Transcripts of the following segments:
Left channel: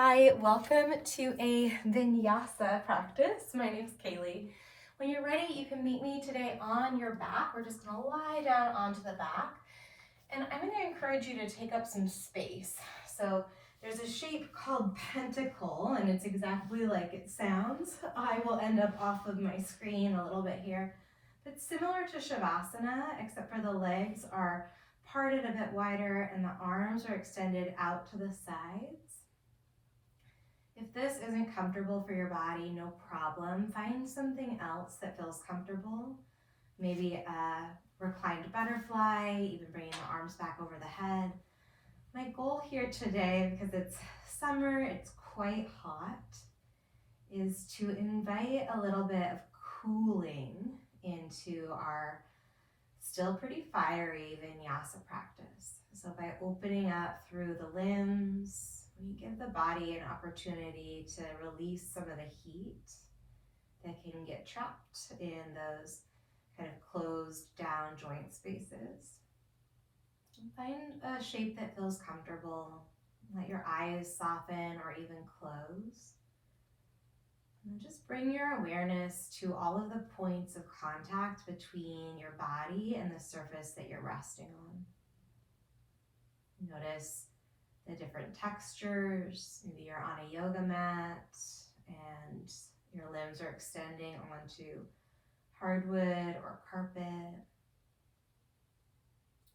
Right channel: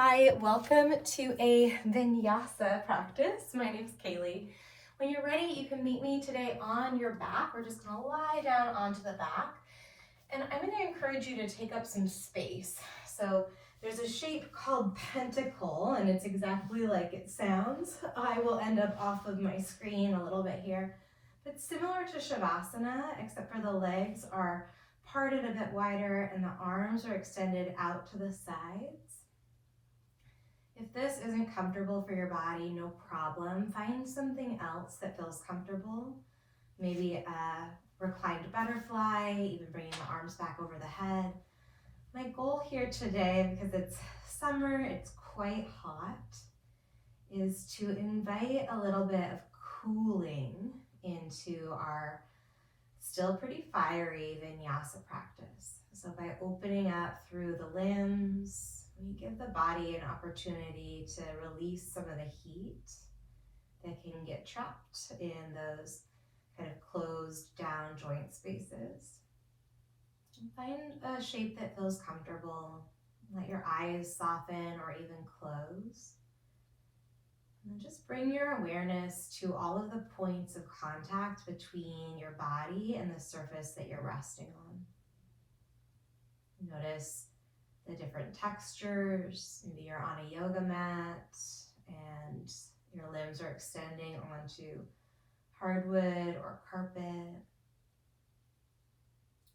Hi, welcome to a Vinyasa practice. My name's Kaylee. When you're ready, you can meet me today on your back. We're just gonna lie down onto the back. And I'm gonna encourage you to take up some space. So there's a shape called pentacle, and it's exactly like it sounds. I will end up off of my screen a little bit here. But similar to Shavasana, except for the legs are parted a bit wider and the arms are extended out to the sides. If this isn't comfortable for your body, no problem. Find something else that feels comfortable. Maybe a reclined butterfly, even bringing the arms back over the head. My goal here today, because it's summer, it's quite hot, is to invite a little bit of cooling into our still pretty fiery Vinyasa practice. So by opening up through the limbs, we give the body an opportunity to release some of the heat that can get trapped in those kind of closed down joint spaces. And find a shape that feels comfortable. Let your eyes soften or even close. And just bring your awareness to all of the points of contact between your body and the surface that you're resting on. Notice the different textures. Maybe you're on a yoga mat and your limbs are extending onto hardwood or carpet.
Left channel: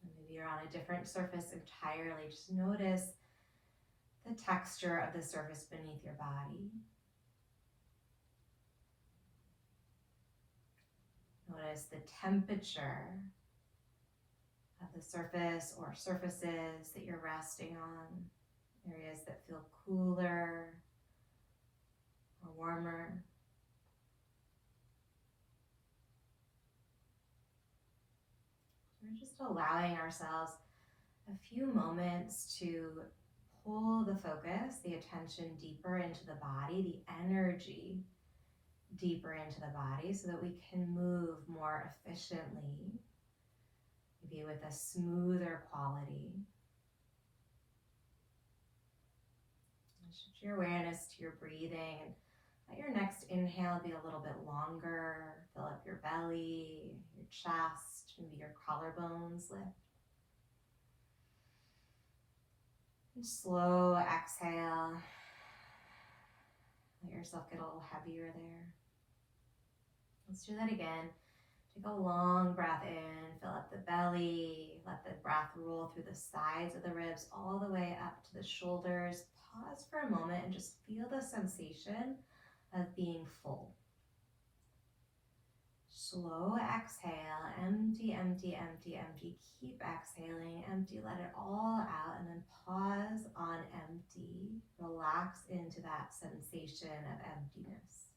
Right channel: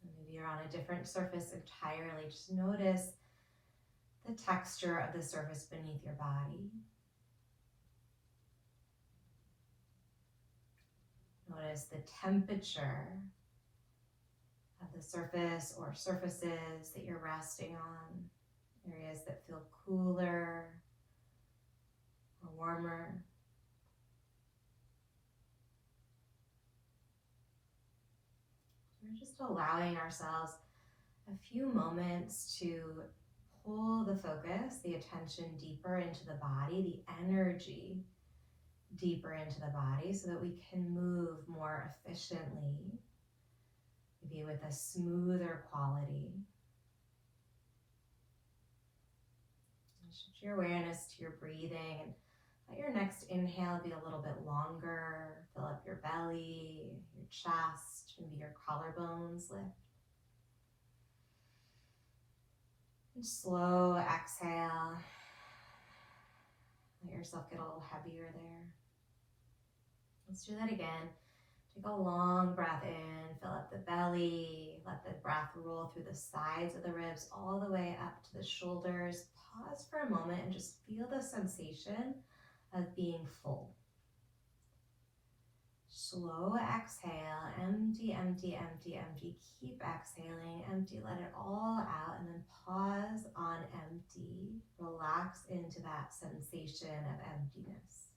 Maybe you're on a different surface entirely. Just notice the texture of the surface beneath your body. Notice the temperature of the surface or surfaces that you're resting on, areas that feel cooler or warmer. We're just allowing ourselves a few moments to pull the focus, the attention deeper into the body, the energy deeper into the body so that we can move more efficiently, maybe with a smoother quality. Shift your awareness to your breathing and let your next inhale be a little bit longer. Fill up your belly, your chest, maybe your collarbones lift. And slow exhale. Let yourself get a little heavier there. Let's do that again. Take a long breath in, fill up the belly, let the breath roll through the sides of the ribs all the way up to the shoulders. Pause for a moment and just feel the sensation of being full. Slow exhale, empty, empty, empty, empty. Keep exhaling, empty, let it all out, and then pause on empty. Relax into that sensation of emptiness.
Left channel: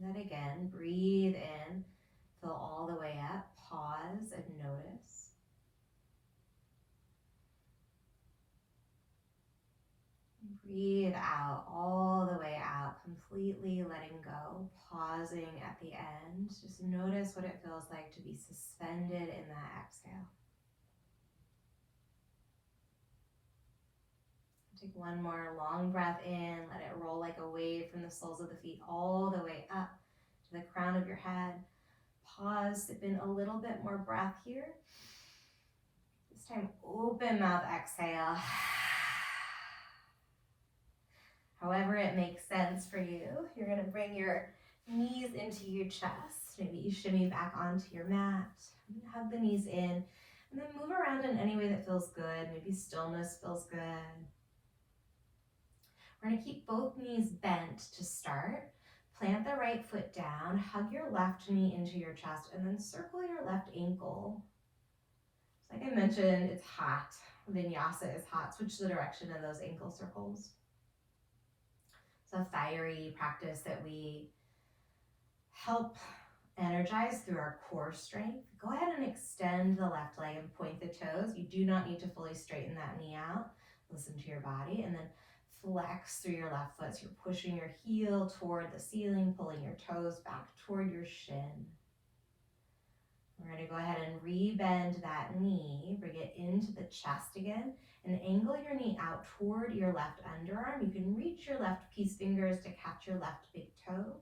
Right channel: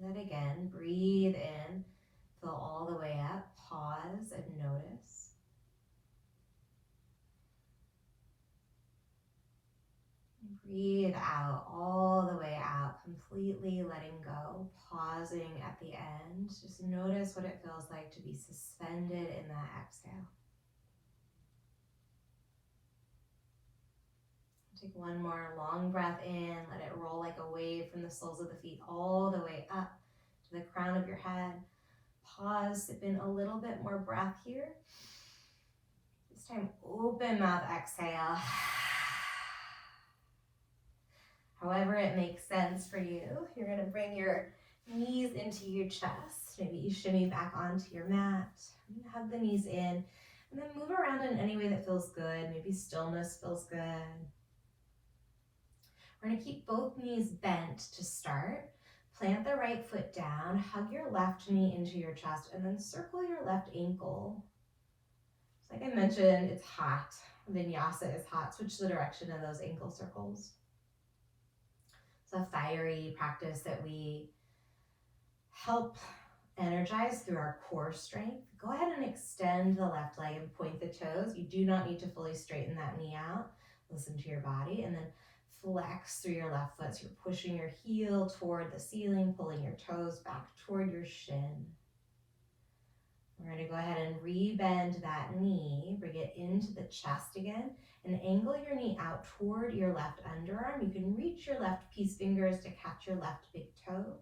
Do that again. Breathe in, fill all the way up, pause and notice. Breathe out, all the way out, completely letting go, pausing at the end. Just notice what it feels like to be suspended in that exhale. Take one more long breath in, let it roll like a wave from the soles of the feet all the way up to the crown of your head. Pause, sip in a little bit more breath here. This time, open mouth exhale. However it makes sense for you. You're going to bring your knees into your chest. Maybe you shimmy back onto your mat. Hug the knees in. And then move around in any way that feels good. Maybe stillness feels good. We're going to keep both knees bent to start. Plant the right foot down. Hug your left knee into your chest. And then circle your left ankle. Like I mentioned, it's hot. Vinyasa is hot. Switch the direction of those ankle circles. It's a fiery practice that we help energize through our core strength. Go ahead and extend the left leg and point the toes. You do not need to fully straighten that knee out. Listen to your body, and then flex through your left foot. So you're pushing your heel toward the ceiling, pulling your toes back toward your shin. We're going to go ahead and re-bend that knee, bring it into the chest again, and angle your knee out toward your left underarm. You can reach your left peace fingers to catch your left big toe.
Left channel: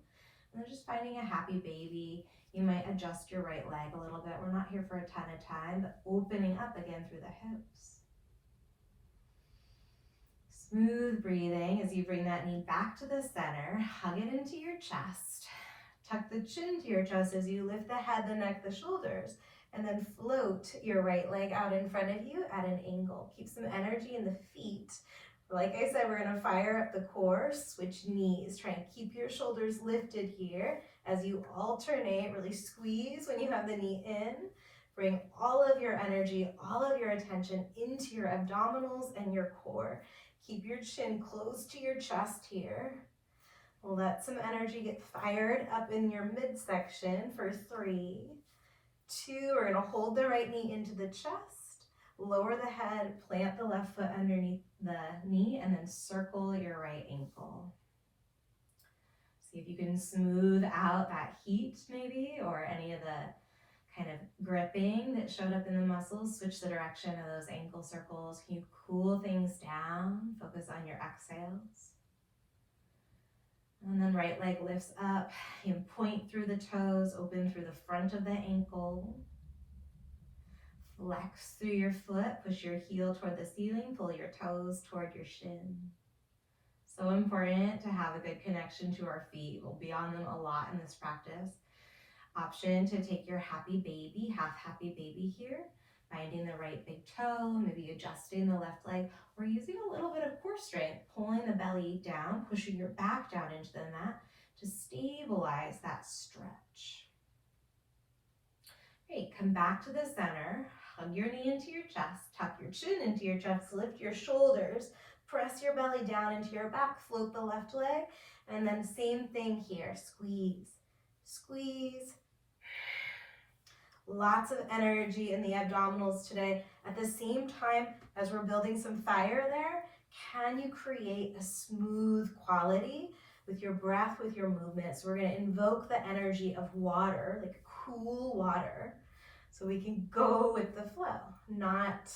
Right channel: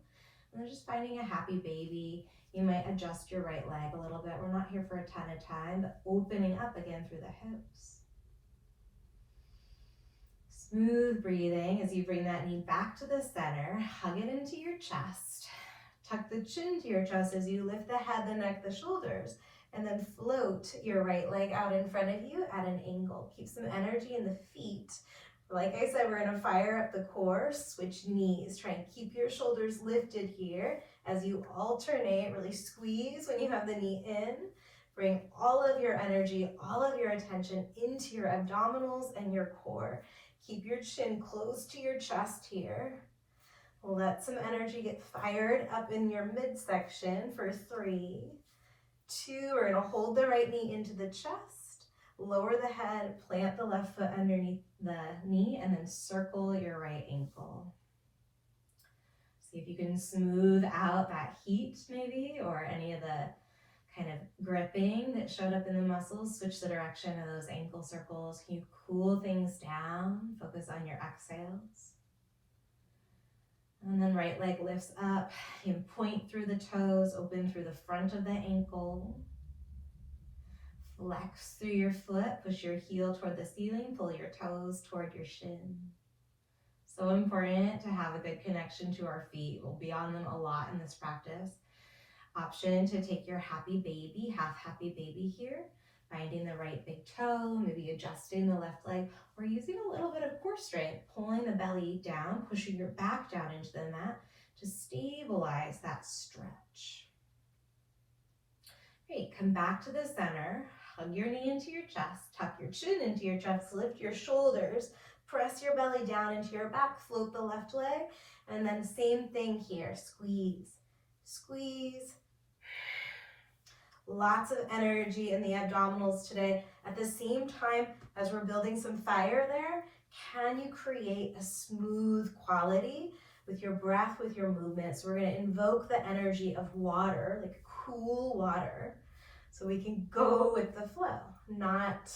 And then just finding a happy baby. You might adjust your right leg a little bit. We're not here for a ton of time, but opening up again through the hips. Smooth breathing as you bring that knee back to the center. Hug it into your chest. Tuck the chin to your chest as you lift the head, the neck, the shoulders, and then float your right leg out in front of you at an angle. Keep some energy in the feet. Like I said, we're gonna fire up the core, switch knees. Try and keep your shoulders lifted here as you alternate. Really squeeze when you have the knee in. Bring all of your energy, all of your attention into your abdominals and your core. Keep your chin close to your chest here. Let some energy get fired up in your midsection for 3, 2. We're gonna hold the right knee into the chest, lower the head, plant the left foot underneath the knee, and then circle your right ankle. See if you can smooth out that heat maybe, or any of the kind of gripping that showed up in the muscles. Switch the direction of those ankle circles. Can you cool things down? Focus on your exhales. And then right leg lifts up. You can point through the toes, open through the front of the ankle. Flex through your foot, push your heel toward the ceiling, pull your toes toward your shin. So important to have a good connection to our feet. We'll be on them a lot in this practice. Option to take your happy baby, half happy baby here, finding the right big toe, maybe adjusting the left leg, or using a little bit of core strength, pulling the belly down, pushing your back down into the mat to stabilize that stretch. Great, come back to the center, hug your knee into your chest, tuck your chin into your chest, lift your shoulders, press your belly down into your back, float the left leg, and then same thing here, squeeze, squeeze. Lots of energy in the abdominals today. At the same time as we're building some fire there, can you create a smooth quality with your breath, with your movement? So we're going to invoke the energy of water, like cool water, so we can go with the flow, not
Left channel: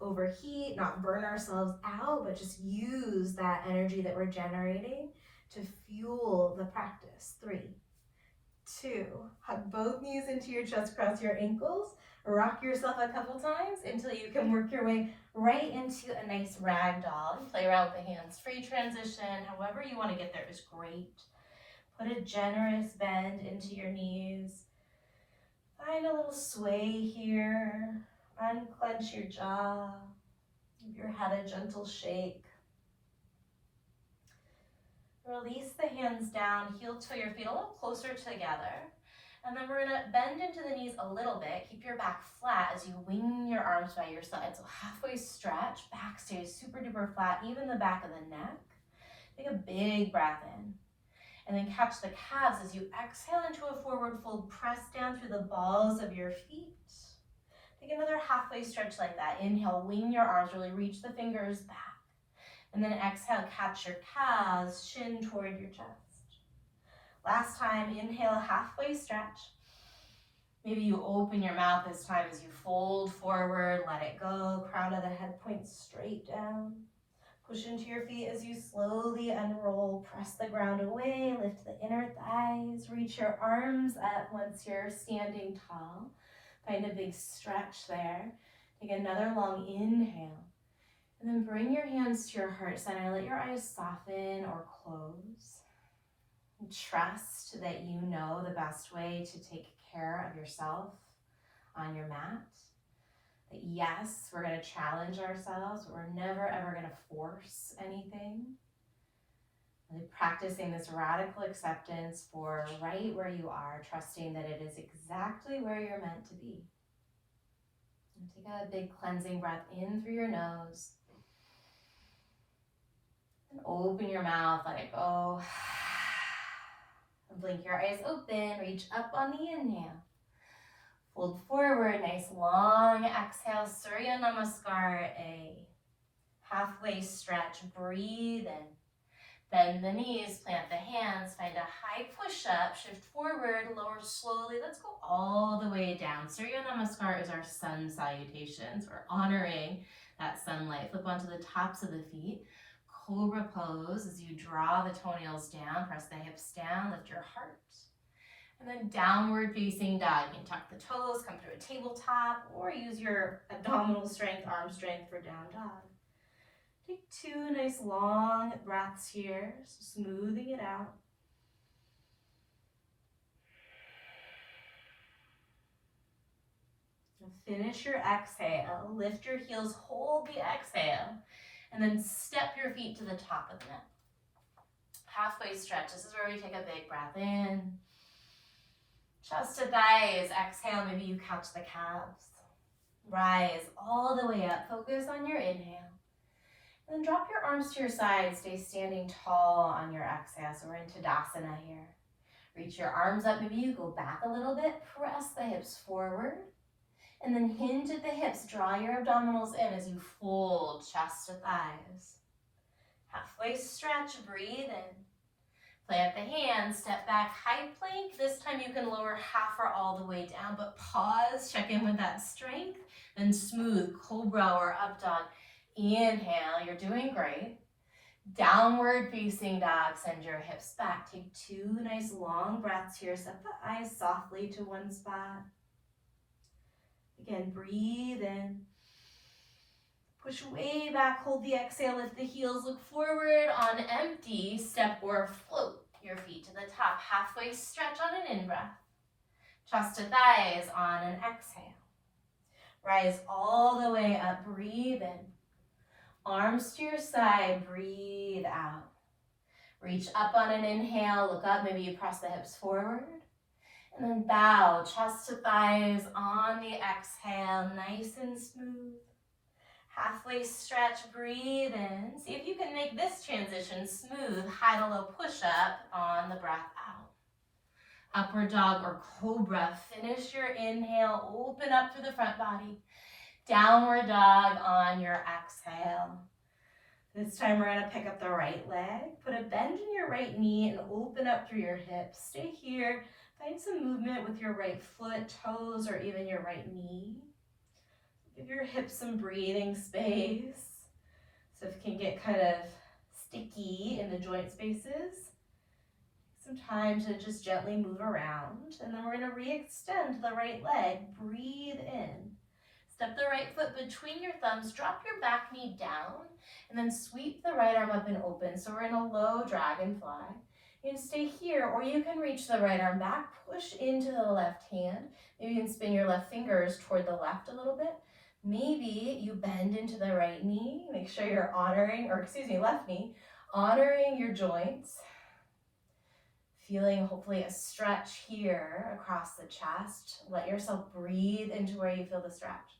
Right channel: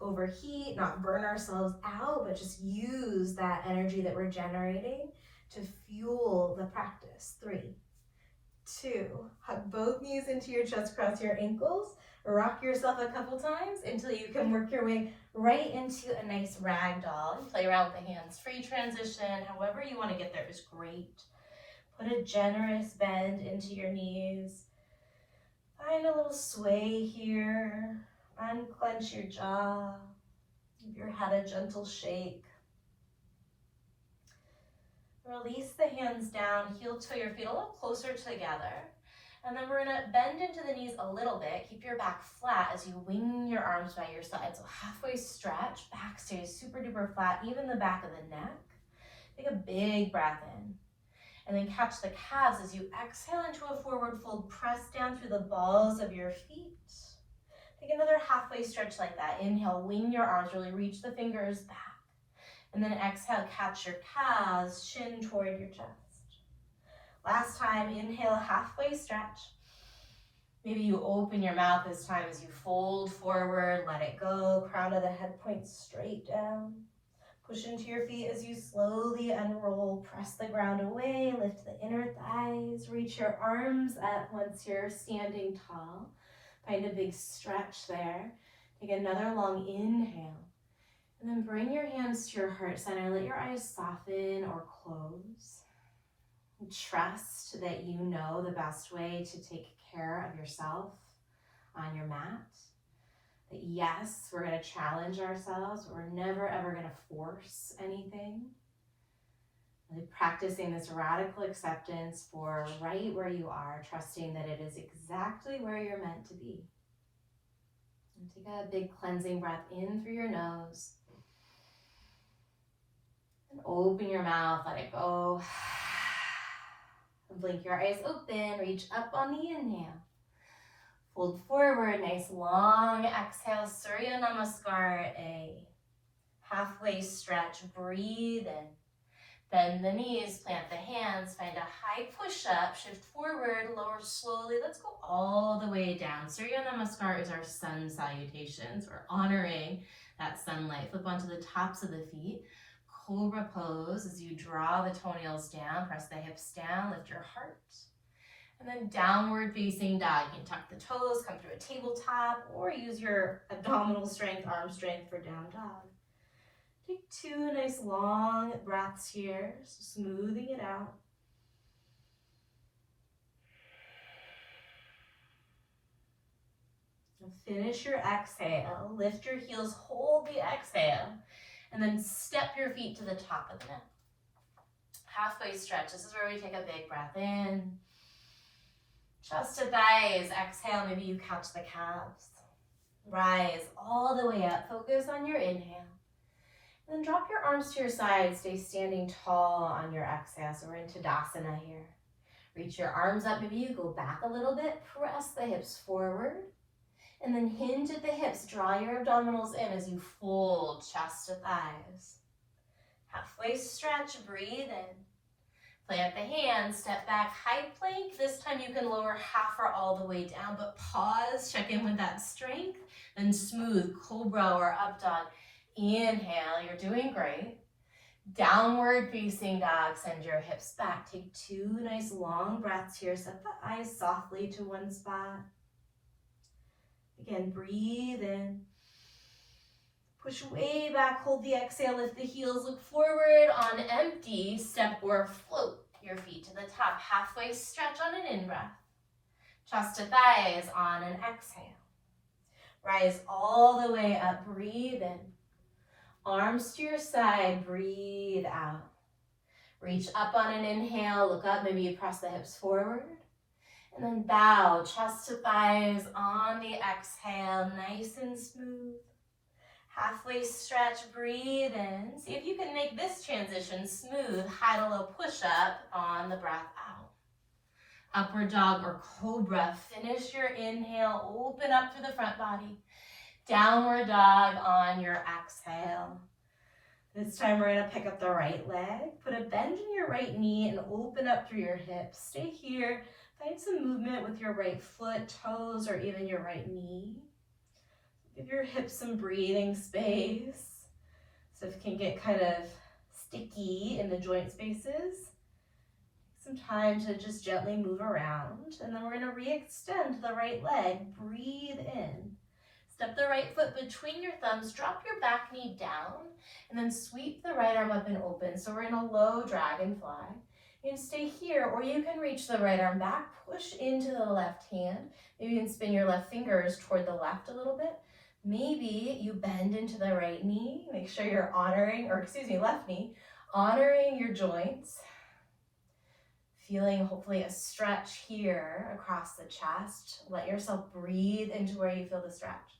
overheat, not burn ourselves out, but just use that energy that we're generating to fuel the practice. 3, 2, hug both knees into your chest, cross your ankles, rock yourself a couple times until you can work your way right into a nice rag doll. Play around with the hands, free transition, however you want to get there is great. Put a generous bend into your knees. Find a little sway here. Unclench your jaw. Give your head a gentle shake. Release the hands down, heel toe your feet a little closer together. And then we're gonna bend into the knees a little bit. Keep your back flat as you wing your arms by your side. So halfway stretch, back stays super duper flat, even the back of the neck. Take a big breath in. And then catch the calves as you exhale into a forward fold. Press down through the balls of your feet. Take another halfway stretch like that. Inhale, wing your arms, really reach the fingers back. And then exhale, catch your calves, shin toward your chest. Last time, inhale, halfway stretch. Maybe you open your mouth this time as you fold forward, let it go. Crown of the head points straight down. Push into your feet as you slowly unroll. Press the ground away, lift the inner thighs, reach your arms up once you're standing tall. Find a big stretch there. Take another long inhale. And then bring your hands to your heart center. Let your eyes soften or close. Trust that you know the best way to take care of yourself on your mat. That yes, we're going to challenge ourselves. We're never ever going to force anything. Really practicing this radical acceptance for right where you are, trusting that it is exactly where you're meant to be. And take a big cleansing breath in through your nose. And open your mouth, let it go. And blink your eyes open, reach up on the inhale. Fold forward, nice long exhale, Surya Namaskar, a halfway stretch. Breathe in. Bend the knees, plant the hands, find a high push-up, shift forward, lower slowly. Let's go all the way down. Surya Namaskar is our sun salutations. We're honoring that sunlight. Flip onto the tops of the feet. Cobra pose as you draw the toenails down, press the hips down, lift your heart. And then downward facing dog. You can tuck the toes, come through a tabletop, or use your abdominal strength, arm strength for down dog. Take 2 nice long breaths here, smoothing it out. And finish your exhale. Lift your heels, hold the exhale, and then step your feet to the top of the mat. Halfway stretch. This is where we take a big breath in. Chest to thighs. Exhale, maybe you couch the calves. Rise all the way up. Focus on your inhale. And then drop your arms to your sides. Stay standing tall on your exhale. So we're in Tadasana here. Reach your arms up. Maybe you go back a little bit. Press the hips forward. And then hinge at the hips. Draw your abdominals in as you fold chest to thighs. Halfway stretch. Breathe in. Plant the hands. Step back. High plank. This time you can lower half or all the way down. But pause. Check in with that strength. Then smooth cobra or up dog. Inhale, you're doing great. Downward facing dog, send your hips back. Take 2 nice long breaths here. Set the eyes softly to one spot. Again, breathe in. Push way back, hold the exhale, lift the heels, look forward on empty. Step or float your feet to the top. Halfway stretch on an in-breath. Chest to thighs on an exhale. Rise all the way up, breathe in. Arms to your side, breathe out. Reach up on an inhale, look up, maybe you press the hips forward. And then bow, chest to thighs on the exhale, nice and smooth. Halfway stretch, breathe in. See if you can make this transition smooth, high to low push up on the breath out. Upward dog or cobra, finish your inhale, open up through the front body. Downward dog on your exhale. This time we're going to pick up the right leg. Put a bend in your right knee and open up through your hips. Stay here. Find some movement with your right foot, toes, or even your right knee. Give your hips some breathing space. So if it can get kind of sticky in the joint spaces, some time to just gently move around. And then we're going to re-extend the right leg. Breathe in. Step the right foot between your thumbs, drop your back knee down, and then sweep the right arm up and open. So we're in a low dragonfly. You can stay here, or you can reach the right arm back, push into the left hand. Maybe you can spin your left fingers toward the left a little bit. Maybe you bend into the right knee. Make sure you're left knee, honoring your joints. Feeling hopefully a stretch here across the chest. Let yourself breathe into where you feel the stretch.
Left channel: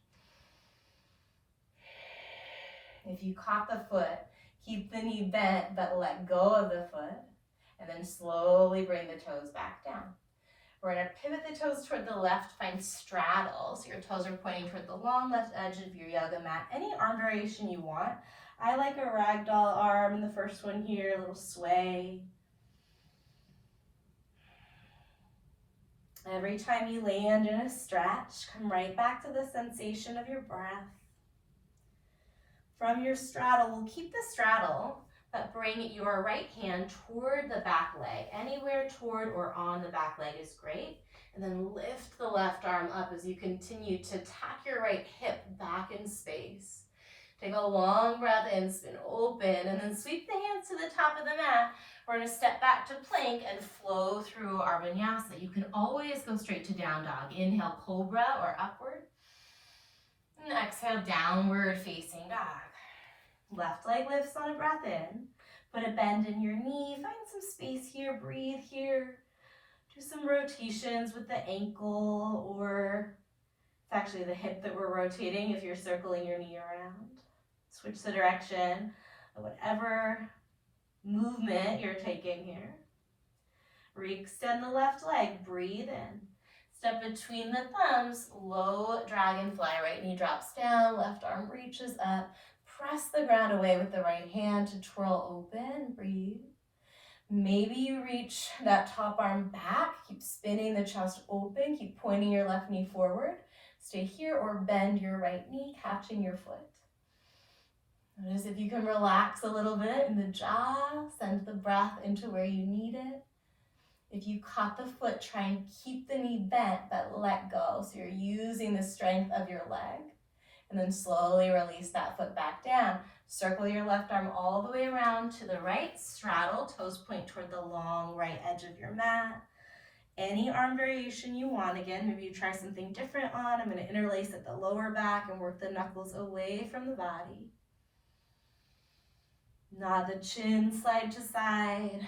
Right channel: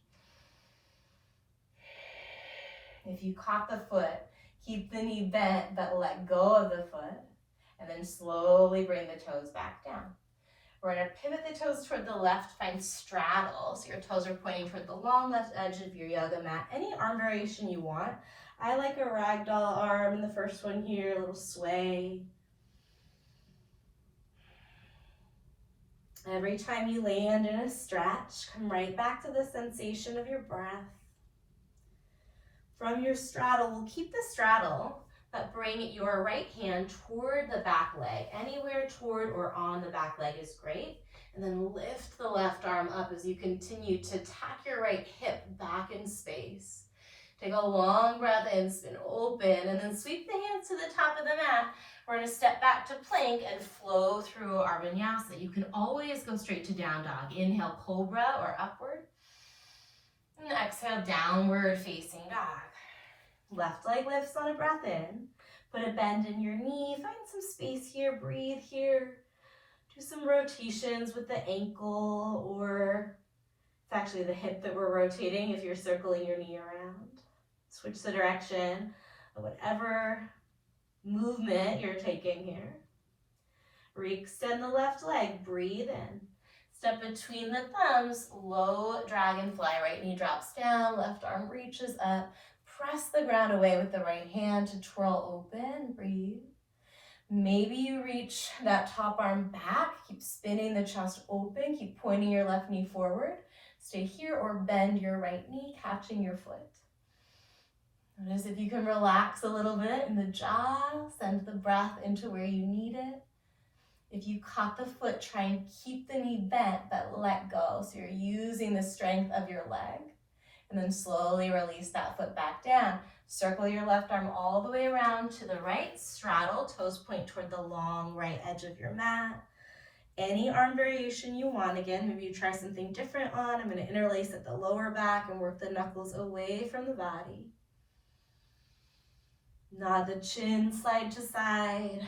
If you caught the foot, keep the knee bent, but let go of the foot, and then slowly bring the toes back down. We're going to pivot the toes toward the left, find straddle. So your toes are pointing toward the long left edge of your yoga mat. Any arm variation you want. I like a ragdoll arm in the first one here, a little sway. Every time you land in a stretch, come right back to the sensation of your breath. From your straddle, we'll keep the straddle, but bring your right hand toward the back leg. Anywhere toward or on the back leg is great. And then lift the left arm up as you continue to tack your right hip back in space. Take a long breath in, spin open, and then sweep the hands to the top of the mat. We're going to step back to plank and flow through our vinyasa. You can always go straight to down dog. Inhale, cobra or upward. And exhale, downward facing dog. Left leg lifts on a breath in. Put a bend in your knee. Find some space here. Breathe here. Do some rotations with the ankle, or it's actually the hip that we're rotating if you're circling your knee around. Switch the direction of whatever movement you're taking here. Re-extend the left leg. Breathe in. Step between the thumbs. Low dragonfly. Right knee drops down. Left arm reaches up. Press the ground away with the right hand to twirl open. Breathe. Maybe you reach that top arm back, keep spinning the chest open, keep pointing your left knee forward. Stay here or bend your right knee, catching your foot. Notice if you can relax a little bit in the jaw, send the breath into where you need it. If you caught the foot, try and keep the knee bent, but let go. So you're using the strength of your leg. And then slowly release that foot back down. Circle your left arm all the way around to the right. Straddle, toes point toward the long right edge of your mat. Any arm variation you want. Again, maybe you try something different on. I'm going to interlace at the lower back and work the knuckles away from the body. Nod the chin side to side.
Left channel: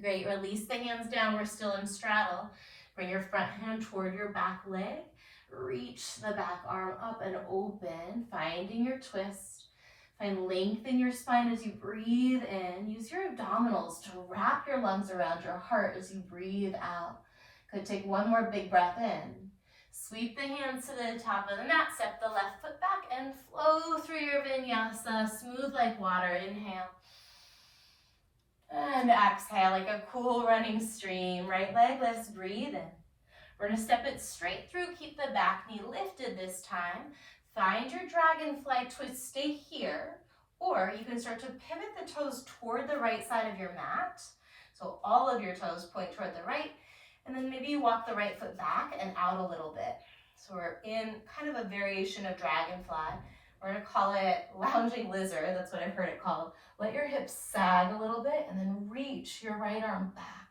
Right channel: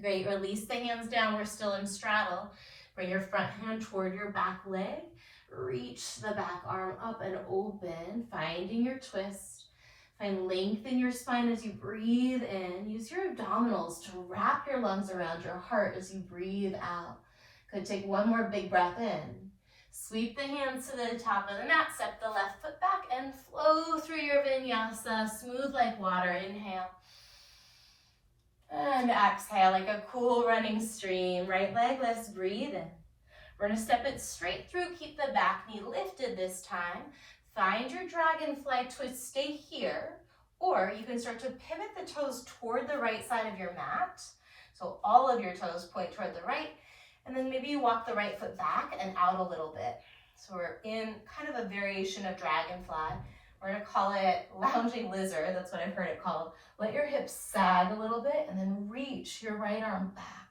Great, release the hands down. We're still in straddle. Bring your front hand toward your back leg. Reach the back arm up and open, finding your twist. Find length in your spine as you breathe in. Use your abdominals to wrap your lungs around your heart as you breathe out. Good, take one more big breath in. Sweep the hands to the top of the mat, step the left foot back and flow through your vinyasa, smooth like water. Inhale. And exhale like a cool running stream. Right leg lifts, breathe in. We're going to step it straight through. Keep the back knee lifted this time. Find your dragonfly twist. Stay here. Or you can start to pivot the toes toward the right side of your mat. So all of your toes point toward the right. And then maybe you walk the right foot back and out a little bit. So we're in kind of a variation of dragonfly. We're going to call it lounging lizard. That's what I've heard it called. Let your hips sag a little bit and then reach your right arm back.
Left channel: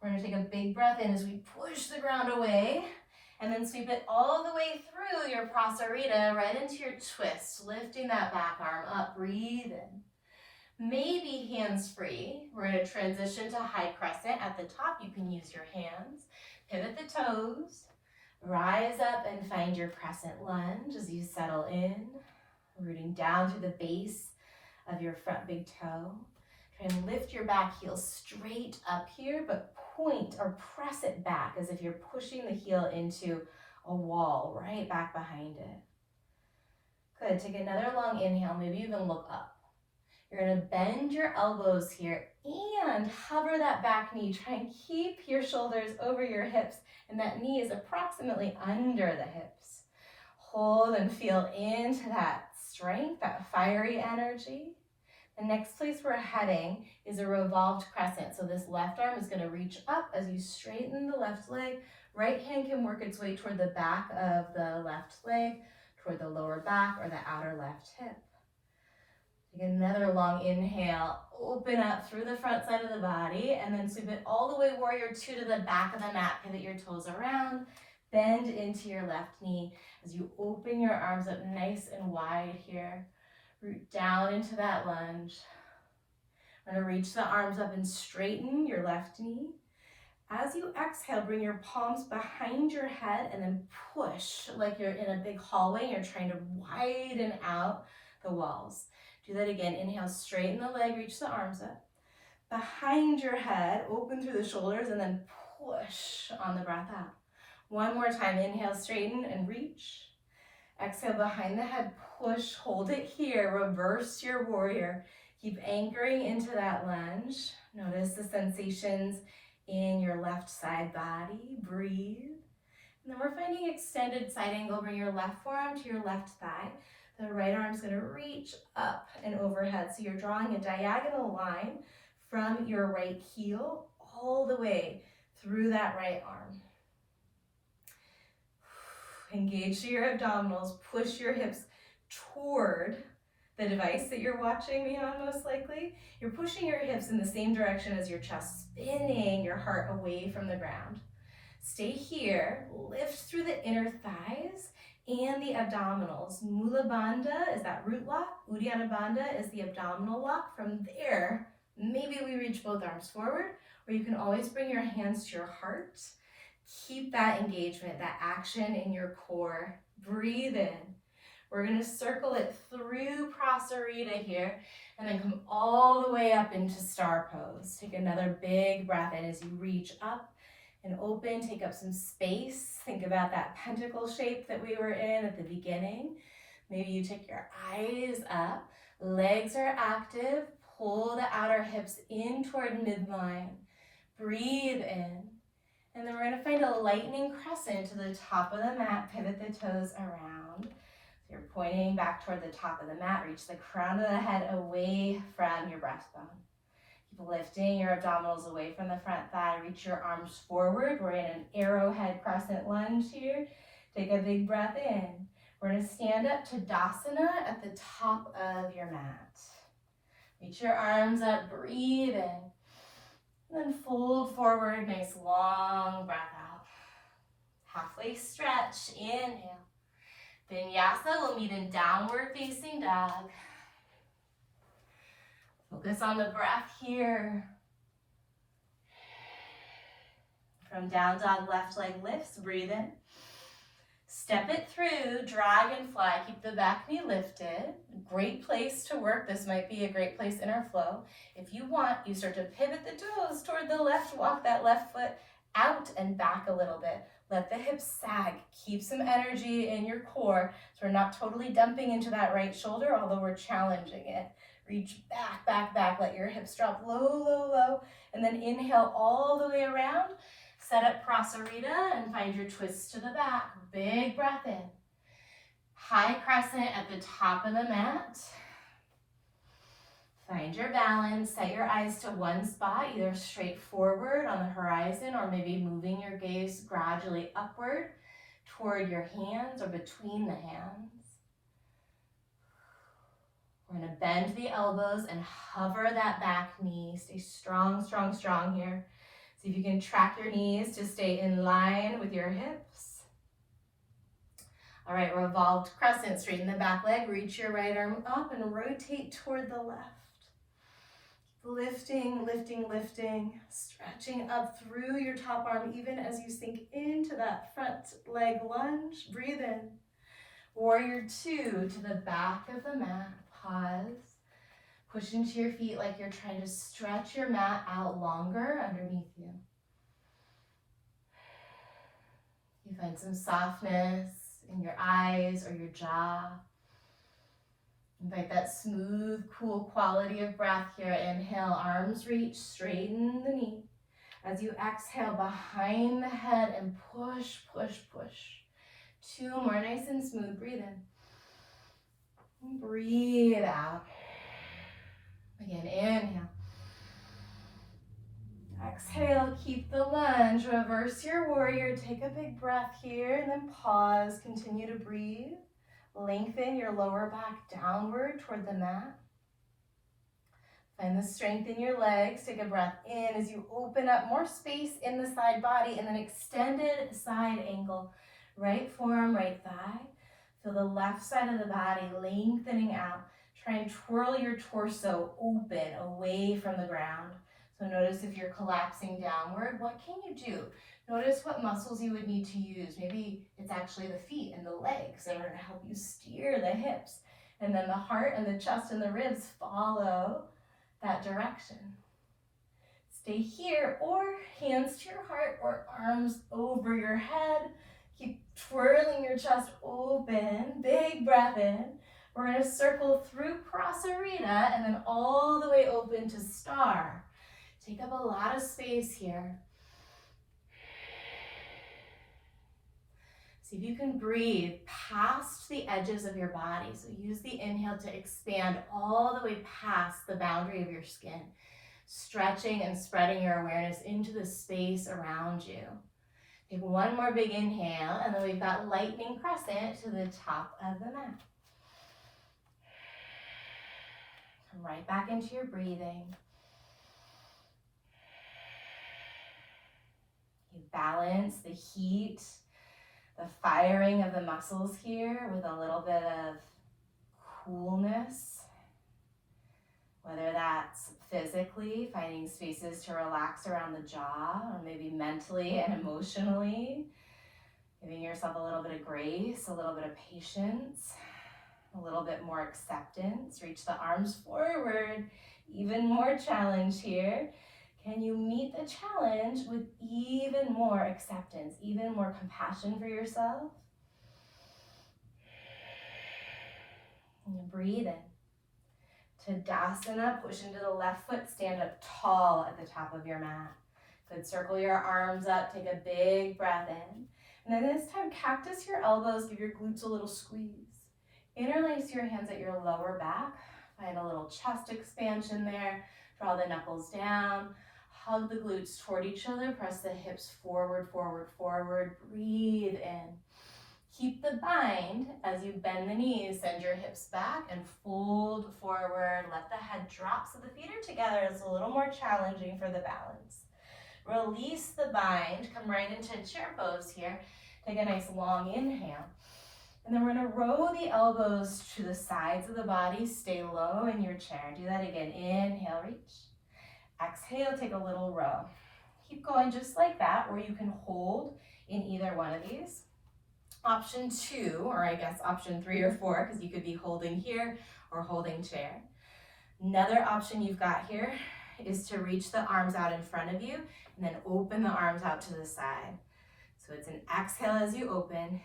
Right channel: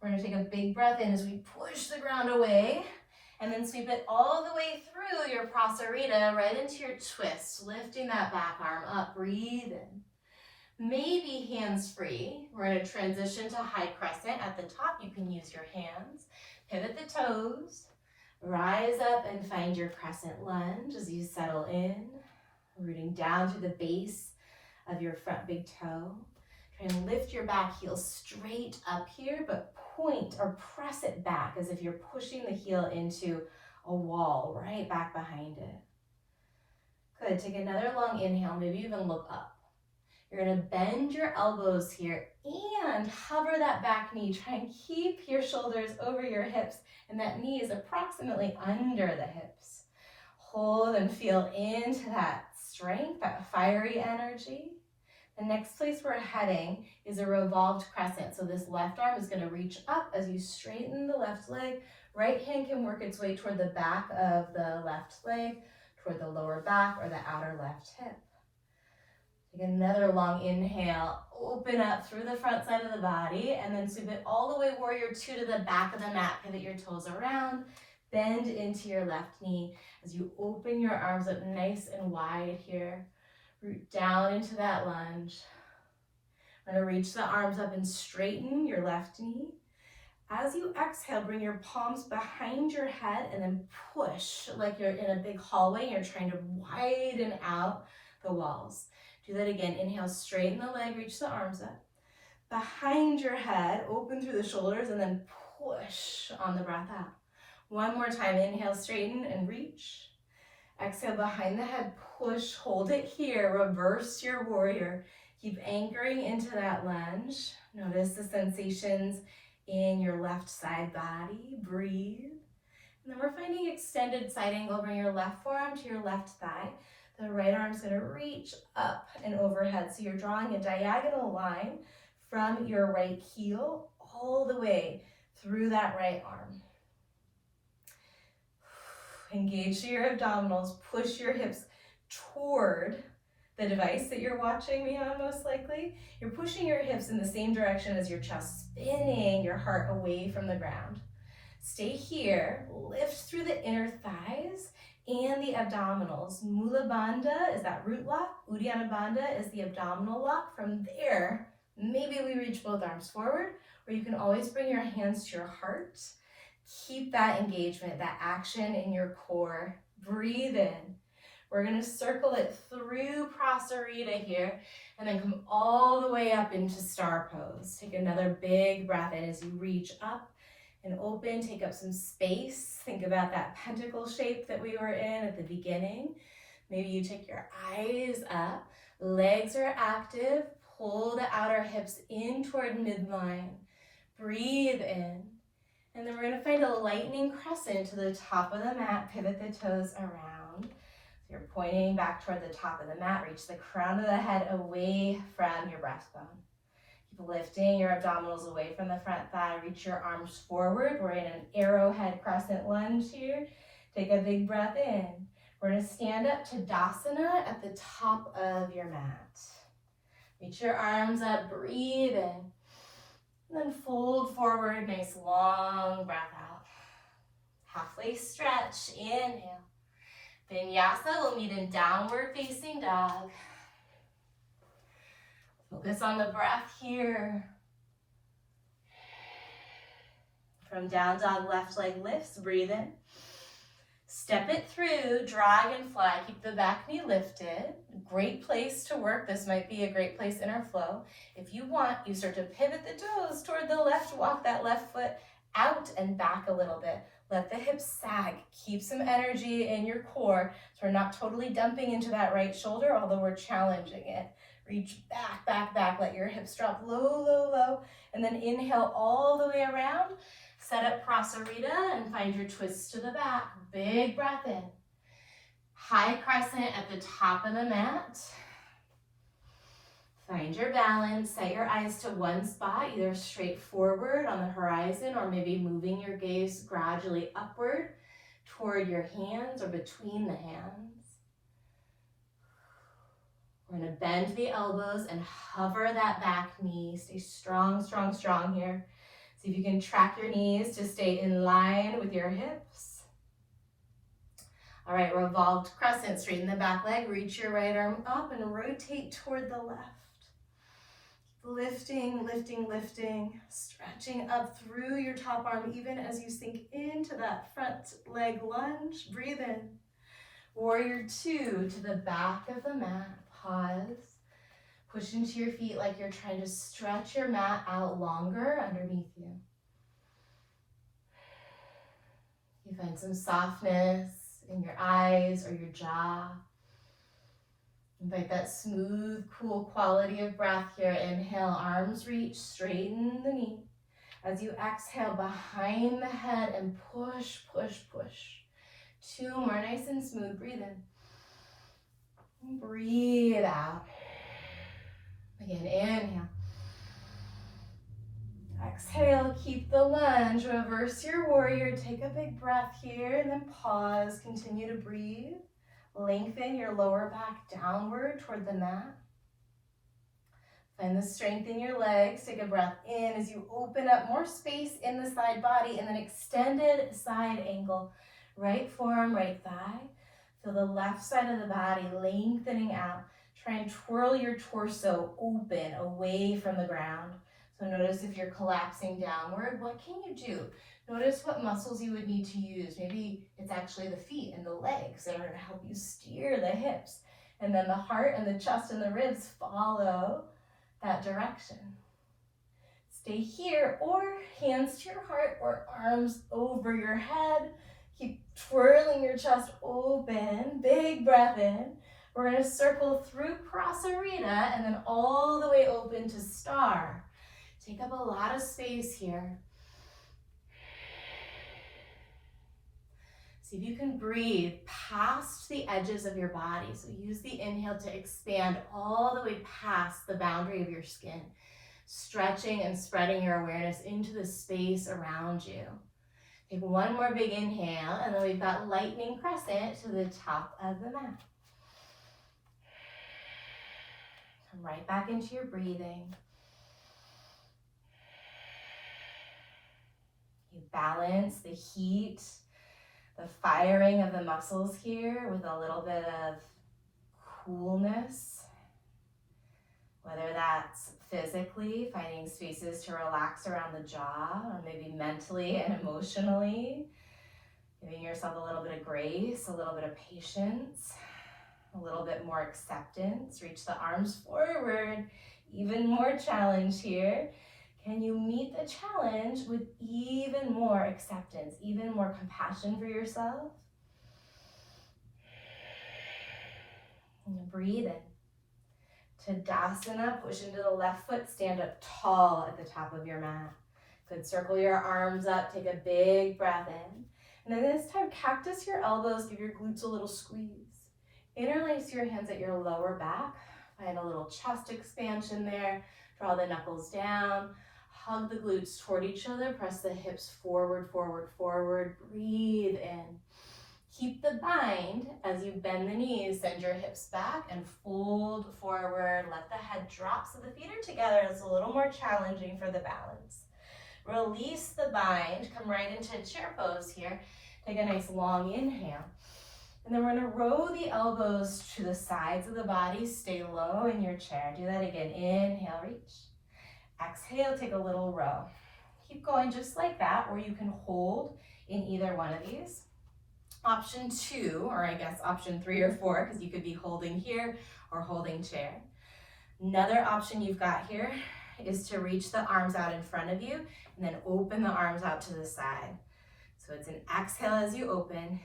We're going to take a big breath in as we push the ground away and then sweep it all the way through your prasarita right into your twist, lifting that back arm up. Breathe in. Maybe hands free. We're going to transition to high crescent. At the top, you can use your hands. Pivot the toes. Rise up and find your crescent lunge as you settle in, rooting down to the base of your front big toe. Try and lift your back heel straight up here, but point or press it back as if you're pushing the heel into a wall right back behind it. Good, take another long inhale, maybe even look up. You're gonna bend your elbows here and hover that back knee. Try and keep your shoulders over your hips and that knee is approximately under the hips. Hold and feel into that strength, that fiery energy. The next place we're heading is a revolved crescent. So this left arm is going to reach up as you straighten the left leg. Right hand can work its way toward the back of the left leg, toward the lower back or the outer left hip. Take another long inhale. Open up through the front side of the body and then sweep it all the way, warrior two, to the back of the mat. Pivot your toes around. Bend into your left knee as you open your arms up nice and wide here. Root down into that lunge. I'm going to reach the arms up and straighten your left knee. As you exhale, bring your palms behind your head and then push like you're in a big hallway. You're trying to widen out the walls. Do that again. Inhale, straighten the leg, reach the arms up. Behind your head, open through the shoulders and then push on the breath out. One more time. Inhale, straighten and reach. Exhale, behind the head, push, hold it here, reverse your warrior. Keep anchoring into that lunge. Notice the sensations in your left side body. Breathe. And then we're finding extended side angle. Bring your left forearm to your left thigh. The right arm's gonna reach up and overhead. So you're drawing a diagonal line from your right heel all the way through that right arm. Engage your abdominals, push your hips toward the device that you're watching me on most likely. You're pushing your hips in the same direction as your chest, spinning your heart away from the ground. Stay here, lift through the inner thighs and the abdominals. Mula Bandha is that root lock, Uddiyana Bandha is the abdominal lock. From there, maybe we reach both arms forward, or you can always bring your hands to your heart. Keep that engagement, that action in your core. Breathe in. We're going to circle it through prasarita here and then come all the way up into star pose. Take another big breath in as you reach up and open. Take up some space. Think about that pentacle shape that we were in at the beginning. Maybe you take your eyes up. Legs are active. pull the outer hips in toward midline. Breathe in. And then we're gonna find a lightning crescent to the top of the mat, pivot the toes around. So you're pointing back toward the top of the mat, reach the crown of the head away from your breastbone. Keep lifting your abdominals away from the front thigh, reach your arms forward. We're in an arrowhead crescent lunge here. Take a big breath in. We're gonna stand up to Tadasana at the top of your mat. Reach your arms up, breathe in. And then fold forward, nice long breath out. Halfway stretch, inhale. Vinyasa will meet in downward facing dog. Focus on the breath here. From down dog, left leg lifts, breathe in. Step it through, dragonfly, keep the back knee lifted. Great place to work. This might be a great place in our flow. If you want, you start to pivot the toes toward the left, walk that left foot out and back a little bit. Let the hips sag, keep some energy in your core so we're not totally dumping into that right shoulder, although we're challenging it. Reach back, back, back, let your hips drop low, low, low, and then inhale all the way around. Set up Prasarita and find your twist to the back. Big breath in. High crescent at the top of the mat. Find your balance. Set your eyes to one spot, either straight forward on the horizon or maybe moving your gaze gradually upward toward your hands or between the hands. We're going to bend the elbows and hover that back knee. Stay strong, strong, strong here. See if you can track your knees to stay in line with your hips. All right, revolved crescent, straighten the back leg, reach your right arm up and rotate toward the left. Lifting, lifting, lifting, stretching up through your top arm even as you sink into that front leg lunge. Breathe in. Warrior two to the back of the mat. Pause. Push into your feet like you're trying to stretch your mat out longer underneath you. You find some softness in your eyes or your jaw. Invite that smooth, cool quality of breath here. Inhale, arms reach, straighten the knee. As you exhale, behind the head and push, push, push. Two more, nice and smooth. Breathe in. Breathe out. Again, inhale. Exhale, keep the lunge. Reverse your warrior. Take a big breath here and then pause. Continue to breathe. Lengthen your lower back downward toward the mat. Find the strength in your legs. Take a breath in as you open up more space in the side body and then extended side angle. Right forearm, right thigh. Feel the left side of the body lengthening out. Try and twirl your torso open away from the ground. So notice if you're collapsing downward, what can you do? Notice what muscles you would need to use. Maybe it's actually the feet and the legs that are going to help you steer the hips. And then the heart and the chest and the ribs follow that direction. Stay here or hands to your heart or arms over your head. Keep twirling your chest open. Big breath in. We're going to circle through Prasarita and then all the way open to star. Take up a lot of space here. See if you can breathe past the edges of your body. So use the inhale to expand all the way past the boundary of your skin, stretching and spreading your awareness into the space around you. Take one more big inhale, and then we've got lightning crescent to the top of the mat. Come right back into your breathing. You balance the heat, the firing of the muscles here with a little bit of coolness, whether that's physically, finding spaces to relax around the jaw, or maybe mentally and emotionally, giving yourself a little bit of grace, a little bit of patience, a little bit more acceptance. Reach the arms forward, even more challenge here. Can you meet the challenge with even more acceptance, even more compassion for yourself? And breathe in. Tadasana, push into the left foot, stand up tall at the top of your mat. Good, circle your arms up, take a big breath in. And then this time, cactus your elbows, give your glutes a little squeeze. Interlace your hands at your lower back, find a little chest expansion there, draw the knuckles down, hug the glutes toward each other, press the hips forward, forward, forward, breathe in. Keep the bind as you bend the knees, send your hips back and fold forward, let the head drop so the feet are together. It's a little more challenging for the balance. Release the bind, come right into chair pose here. Take a nice long inhale. And then we're gonna row the elbows to the sides of the body, stay low in your chair. Do that again, inhale, reach. Exhale, take a little row. Keep going just like that, or you can hold in either one of these. Option 2, or I guess option 3 or 4, because you could be holding here or holding chair. Another option you've got here is to reach the arms out in front of you and then open the arms out to the side. So it's an exhale as you open.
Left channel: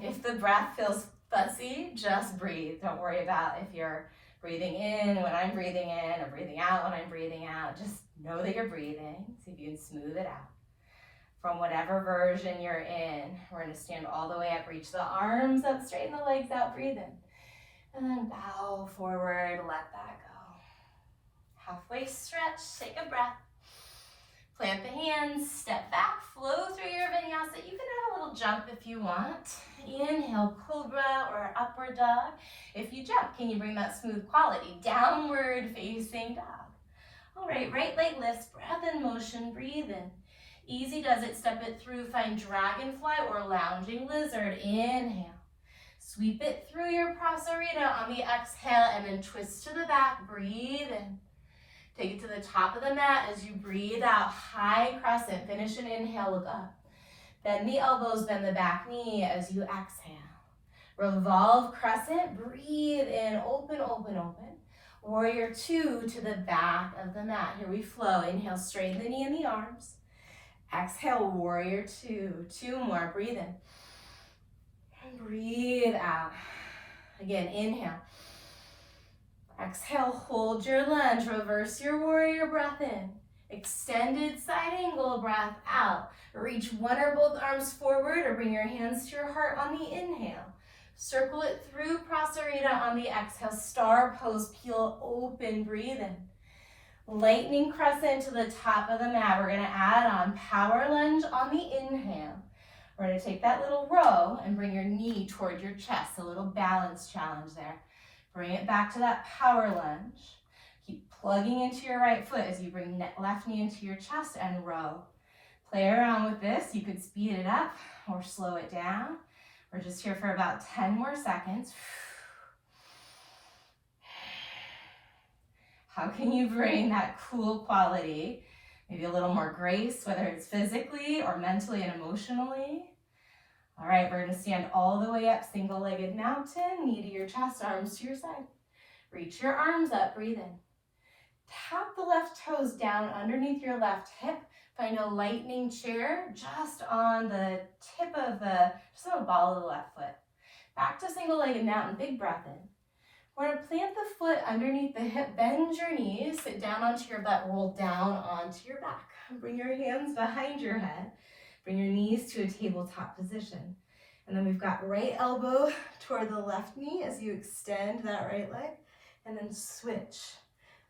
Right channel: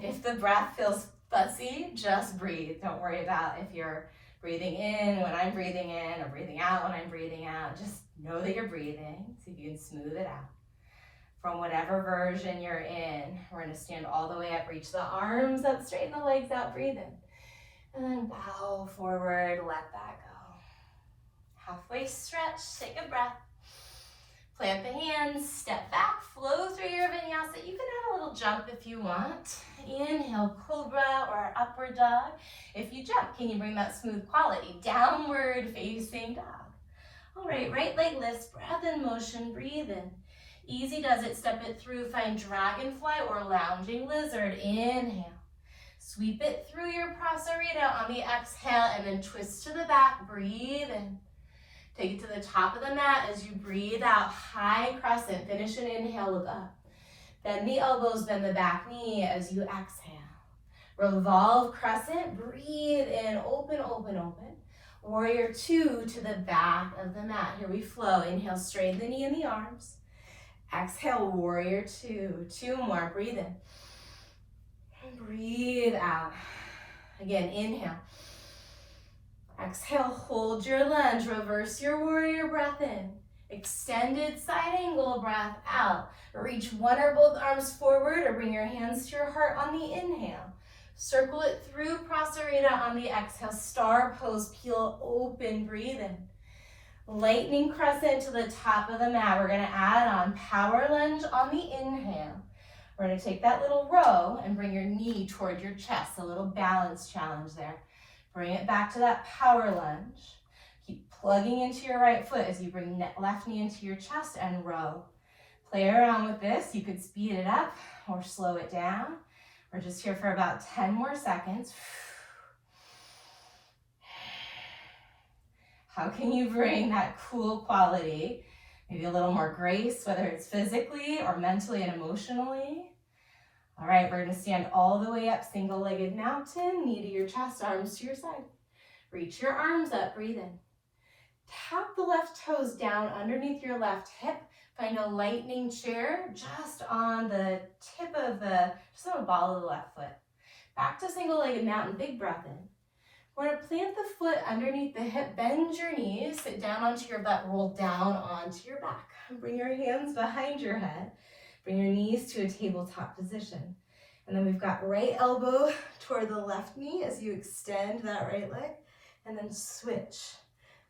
If the breath feels fussy, just breathe. Don't worry about if you're breathing in when I'm breathing in or breathing out when I'm breathing out. Just know that you're breathing. See if you can smooth it out. From whatever version you're in, we're going to stand all the way up, reach the arms up, straighten the legs out, breathe in. And then bow forward, let that go. Halfway stretch, take a breath. Plant the hands, step back, flow through your vinyasa. You can add a little jump if you want. Inhale, cobra or upward dog. If you jump, can you bring that smooth quality? Downward facing dog. All right, right leg lifts, breath in motion, breathe in. Easy does it, step it through, find dragonfly or lounging lizard. Inhale. Sweep it through your prasarita on the exhale and then twist to the back, breathe in. Take it to the top of the mat as you breathe out, high crescent. Finish an inhale, look up. Bend the elbows, bend the back knee as you exhale. Revolve crescent, breathe in, open, open, open. Warrior 2 to the back of the mat. Here we flow. Inhale, straighten the knee and the arms. Exhale, warrior 2. 2 more, breathe in. Breathe out. Again, inhale. Exhale, hold your lunge, reverse your warrior breath in. Extended side angle breath out. Reach one or both arms forward or bring your hands to your heart on the inhale. Circle it through prasarita on the exhale. Star pose, peel open, breathe in. Lightning crescent to the top of the mat. We're gonna add on power lunge on the inhale. We're gonna take that little row and bring your knee toward your chest. A little balance challenge there. Bring it back to that power lunge. Keep plugging into your right foot as you bring left knee into your chest and row. Play around with this. You could speed it up or slow it down. We're just here for about 10 more seconds. How can you bring that cool quality? Maybe a little more grace, whether it's physically or mentally and emotionally. All right, we're gonna stand all the way up, single-legged mountain, knee to your chest, arms to your side. Reach your arms up, breathe in. Tap the left toes down underneath your left hip. Find a lightning chair just on the tip of just on the ball of the left foot. Back to single-legged mountain, big breath in. We're gonna plant the foot underneath the hip, bend your knees, sit down onto your butt, roll down onto your back. Bring your hands behind your head. Bring your knees to a tabletop position. And then we've got right elbow toward the left knee as you extend that right leg, and then switch.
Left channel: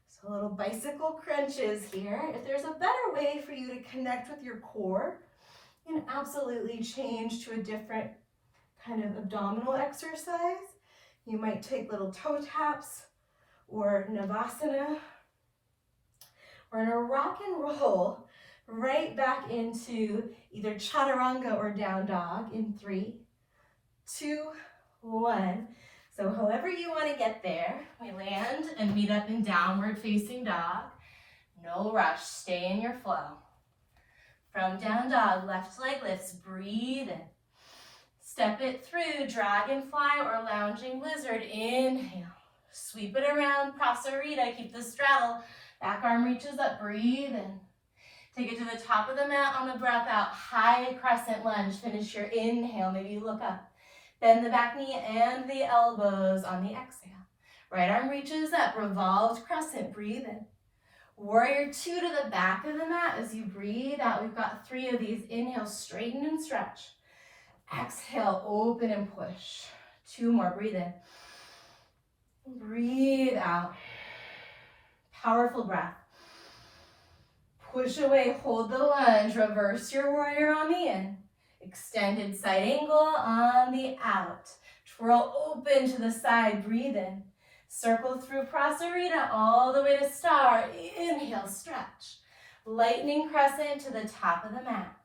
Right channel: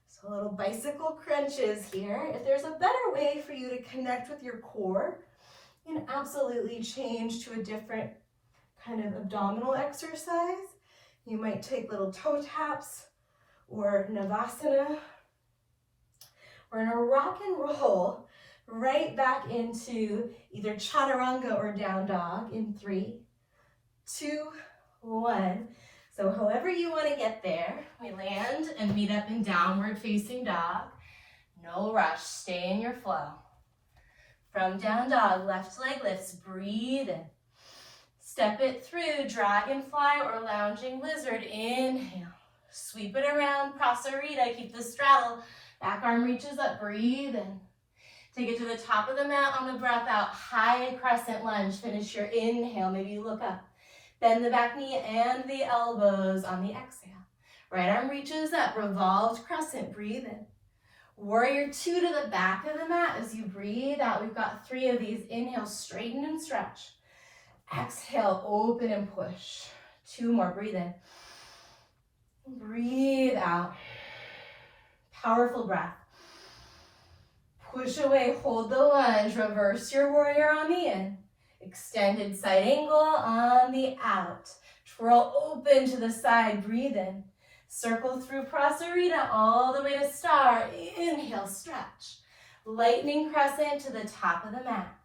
So little bicycle crunches here. If there's a better way for you to connect with your core, you can absolutely change to a different kind of abdominal exercise. You might take little toe taps or Navasana. We're gonna rock and roll right back into either chaturanga or down dog in 3, 2, 1. So however you want to get there, we land and meet up in downward facing dog. No rush, stay in your flow. From down dog, left leg lifts, breathe in. Step it through, dragonfly or lounging lizard, inhale. Sweep it around, prasarita, keep the straddle. Back arm reaches up, breathe in. Take it to the top of the mat on the breath out, high crescent lunge. Finish your inhale, maybe you look up. Bend the back knee and the elbows on the exhale. Right arm reaches up, revolved crescent, breathe in. Warrior two to the back of the mat as you breathe out. We've got 3 of these. Inhale, straighten and stretch. Exhale, open and push. 2 more, breathe in. Breathe out. Powerful breath. Push away, hold the lunge, reverse your warrior on the in. Extended side angle on the out. Twirl open to the side, breathe in. Circle through Prasarita all the way to star. Inhale, stretch. Lightning crescent to the top of the mat.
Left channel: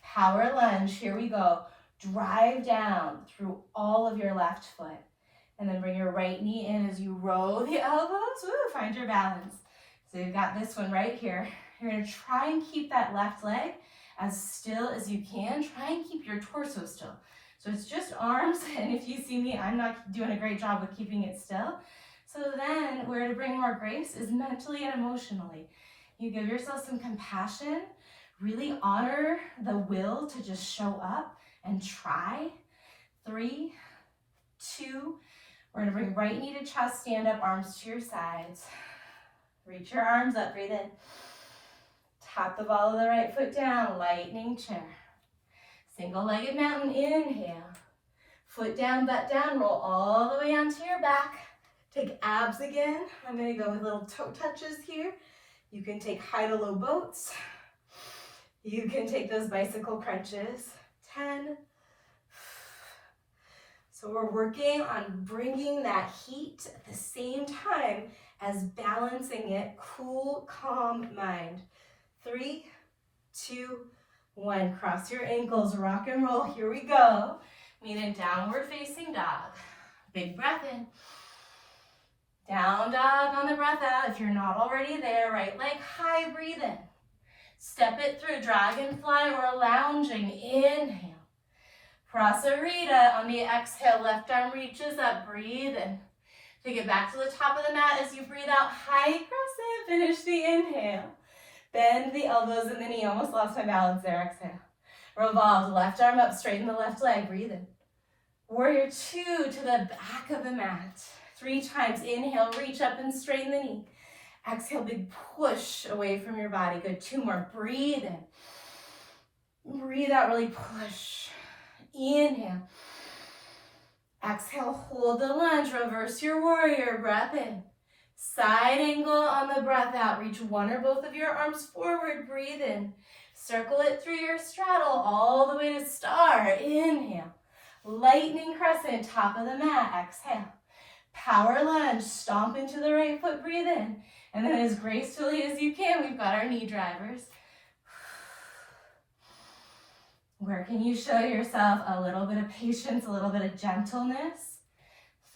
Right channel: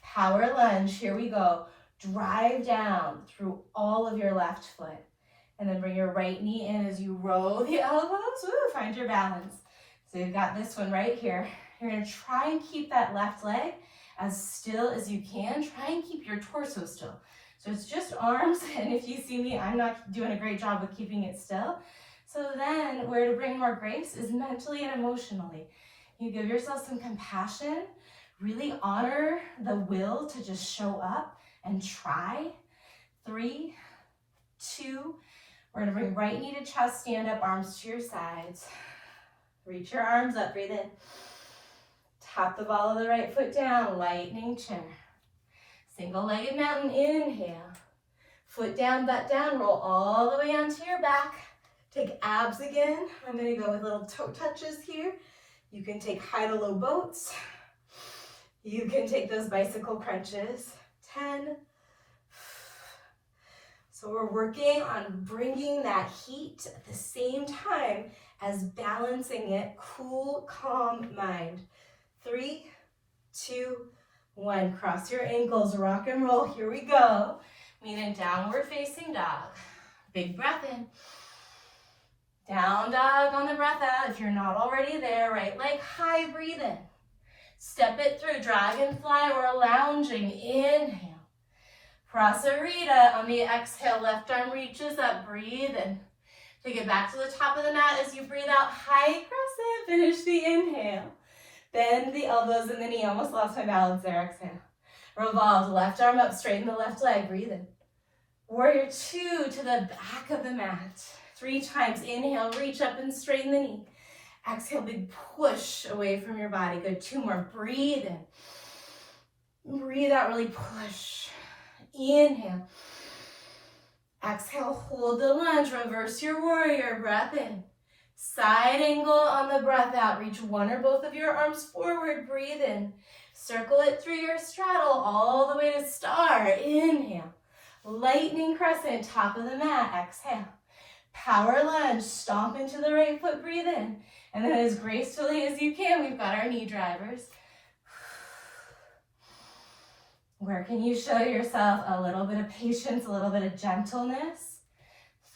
Power lunge, here we go. Drive down through all of your left foot. And then bring your right knee in as you row the elbows. Woo, find your balance. So you've got this one right here. You're gonna try and keep that left leg as still as you can. Try and keep your torso still. So it's just arms, and if you see me, I'm not doing a great job with keeping it still. So then where to bring more grace is mentally and emotionally. You give yourself some compassion, really honor the will to just show up and try. 3, 2, we're gonna bring right knee to chest, stand up, arms to your sides. Reach your arms up, breathe in. Tap the ball of the right foot down, lightning chair. Single-legged mountain, inhale. Foot down, butt down, roll all the way onto your back. Take abs again. I'm gonna go with little toe touches here. You can take high to low boats. You can take those bicycle crunches. 10. So we're working on bringing that heat at the same time as balancing it, cool, calm mind. 3, 2, 1. Cross your ankles, rock and roll. Here we go. Meet in downward facing dog. Big breath in. Down dog on the breath out. If you're not already there, right leg high, breathe in. Step it through, dragonfly or lounging. Inhale. Prasarita on the exhale, left arm reaches up, breathe in. Take it back to the top of the mat as you breathe out, high crescent, finish the inhale. Bend the elbows and the knee, almost lost my balance there, exhale. Revolve, left arm up, straighten the left leg, breathe in. Warrior two to the back of the mat. 3 times, inhale, reach up and straighten the knee. Exhale, big push away from your body. Good, 2 more, breathe in. Breathe out, really push. Inhale. Exhale, hold the lunge, reverse your warrior, breath in. Side angle on the breath out, reach one or both of your arms forward, breathe in. Circle it through your straddle all the way to star, inhale. Lightning crescent, top of the mat, exhale. Power lunge, stomp into the right foot, breathe in. And then as gracefully as you can, we've got our knee drivers. Where can you show yourself a little bit of patience, a little bit of gentleness?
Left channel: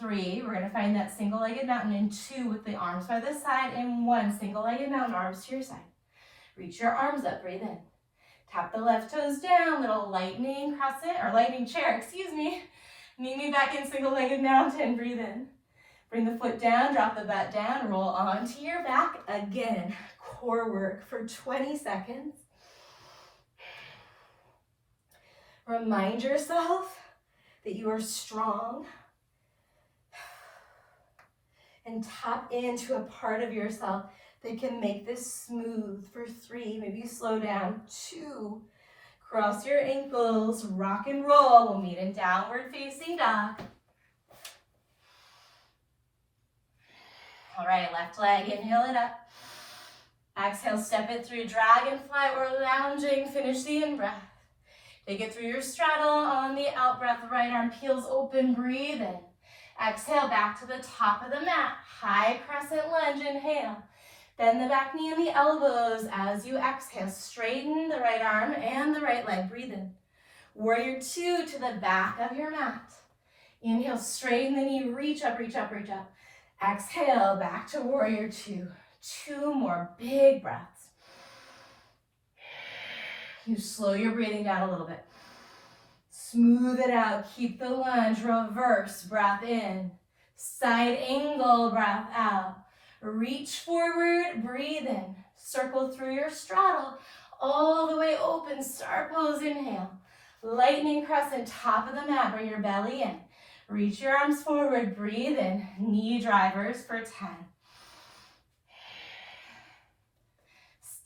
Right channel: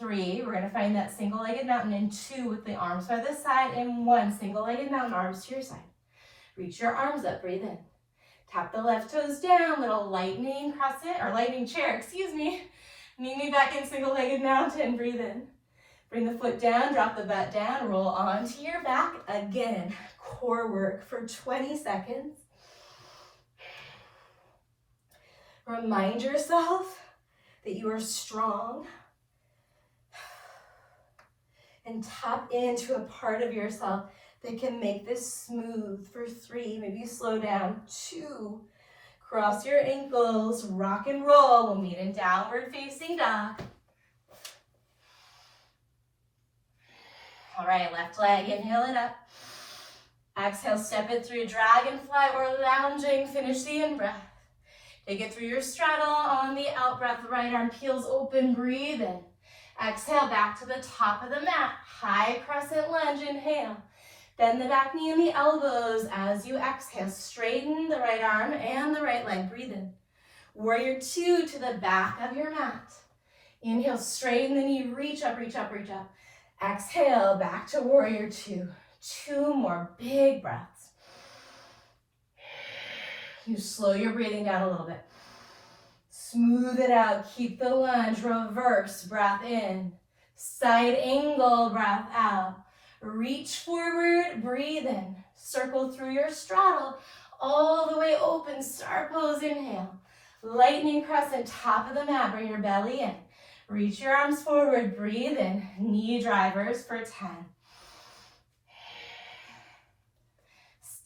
3, we're gonna find that single-legged mountain, and 2 with the arms by the side, and 1 single-legged mountain, arms to your side. Reach your arms up, breathe in. Tap the left toes down, little lightning crescent, or lightning chair, excuse me. Meet me back in single-legged mountain, breathe in. Bring the foot down, drop the butt down, roll onto your back. Again, core work for 20 seconds. Remind yourself that you are strong. And tap into a part of yourself that can make this smooth for 3. Maybe slow down. 2. Cross your ankles, rock and roll. We'll meet in downward facing dog. All right, left leg, inhale it up. Exhale, step it through, dragonfly or lounging. Finish the in-breath. Take it through your straddle on the out-breath. Right arm peels open, breathe in. Exhale, back to the top of the mat. High crescent lunge, inhale. Bend the back knee and the elbows as you exhale. Straighten the right arm and the right leg, breathe in. Warrior 2 to the back of your mat. Inhale, straighten the knee, reach up, reach up, reach up. Exhale, back to warrior 2. 2 more big breaths. You slow your breathing down a little bit. Smooth it out, keep the lunge, reverse, breath in. Side angle, breath out. Reach forward, breathe in. Circle through your straddle, all the way open, star pose, inhale. Lightning crescent, top of the mat, bring your belly in. Reach your arms forward, breathe in. Knee drivers for 10.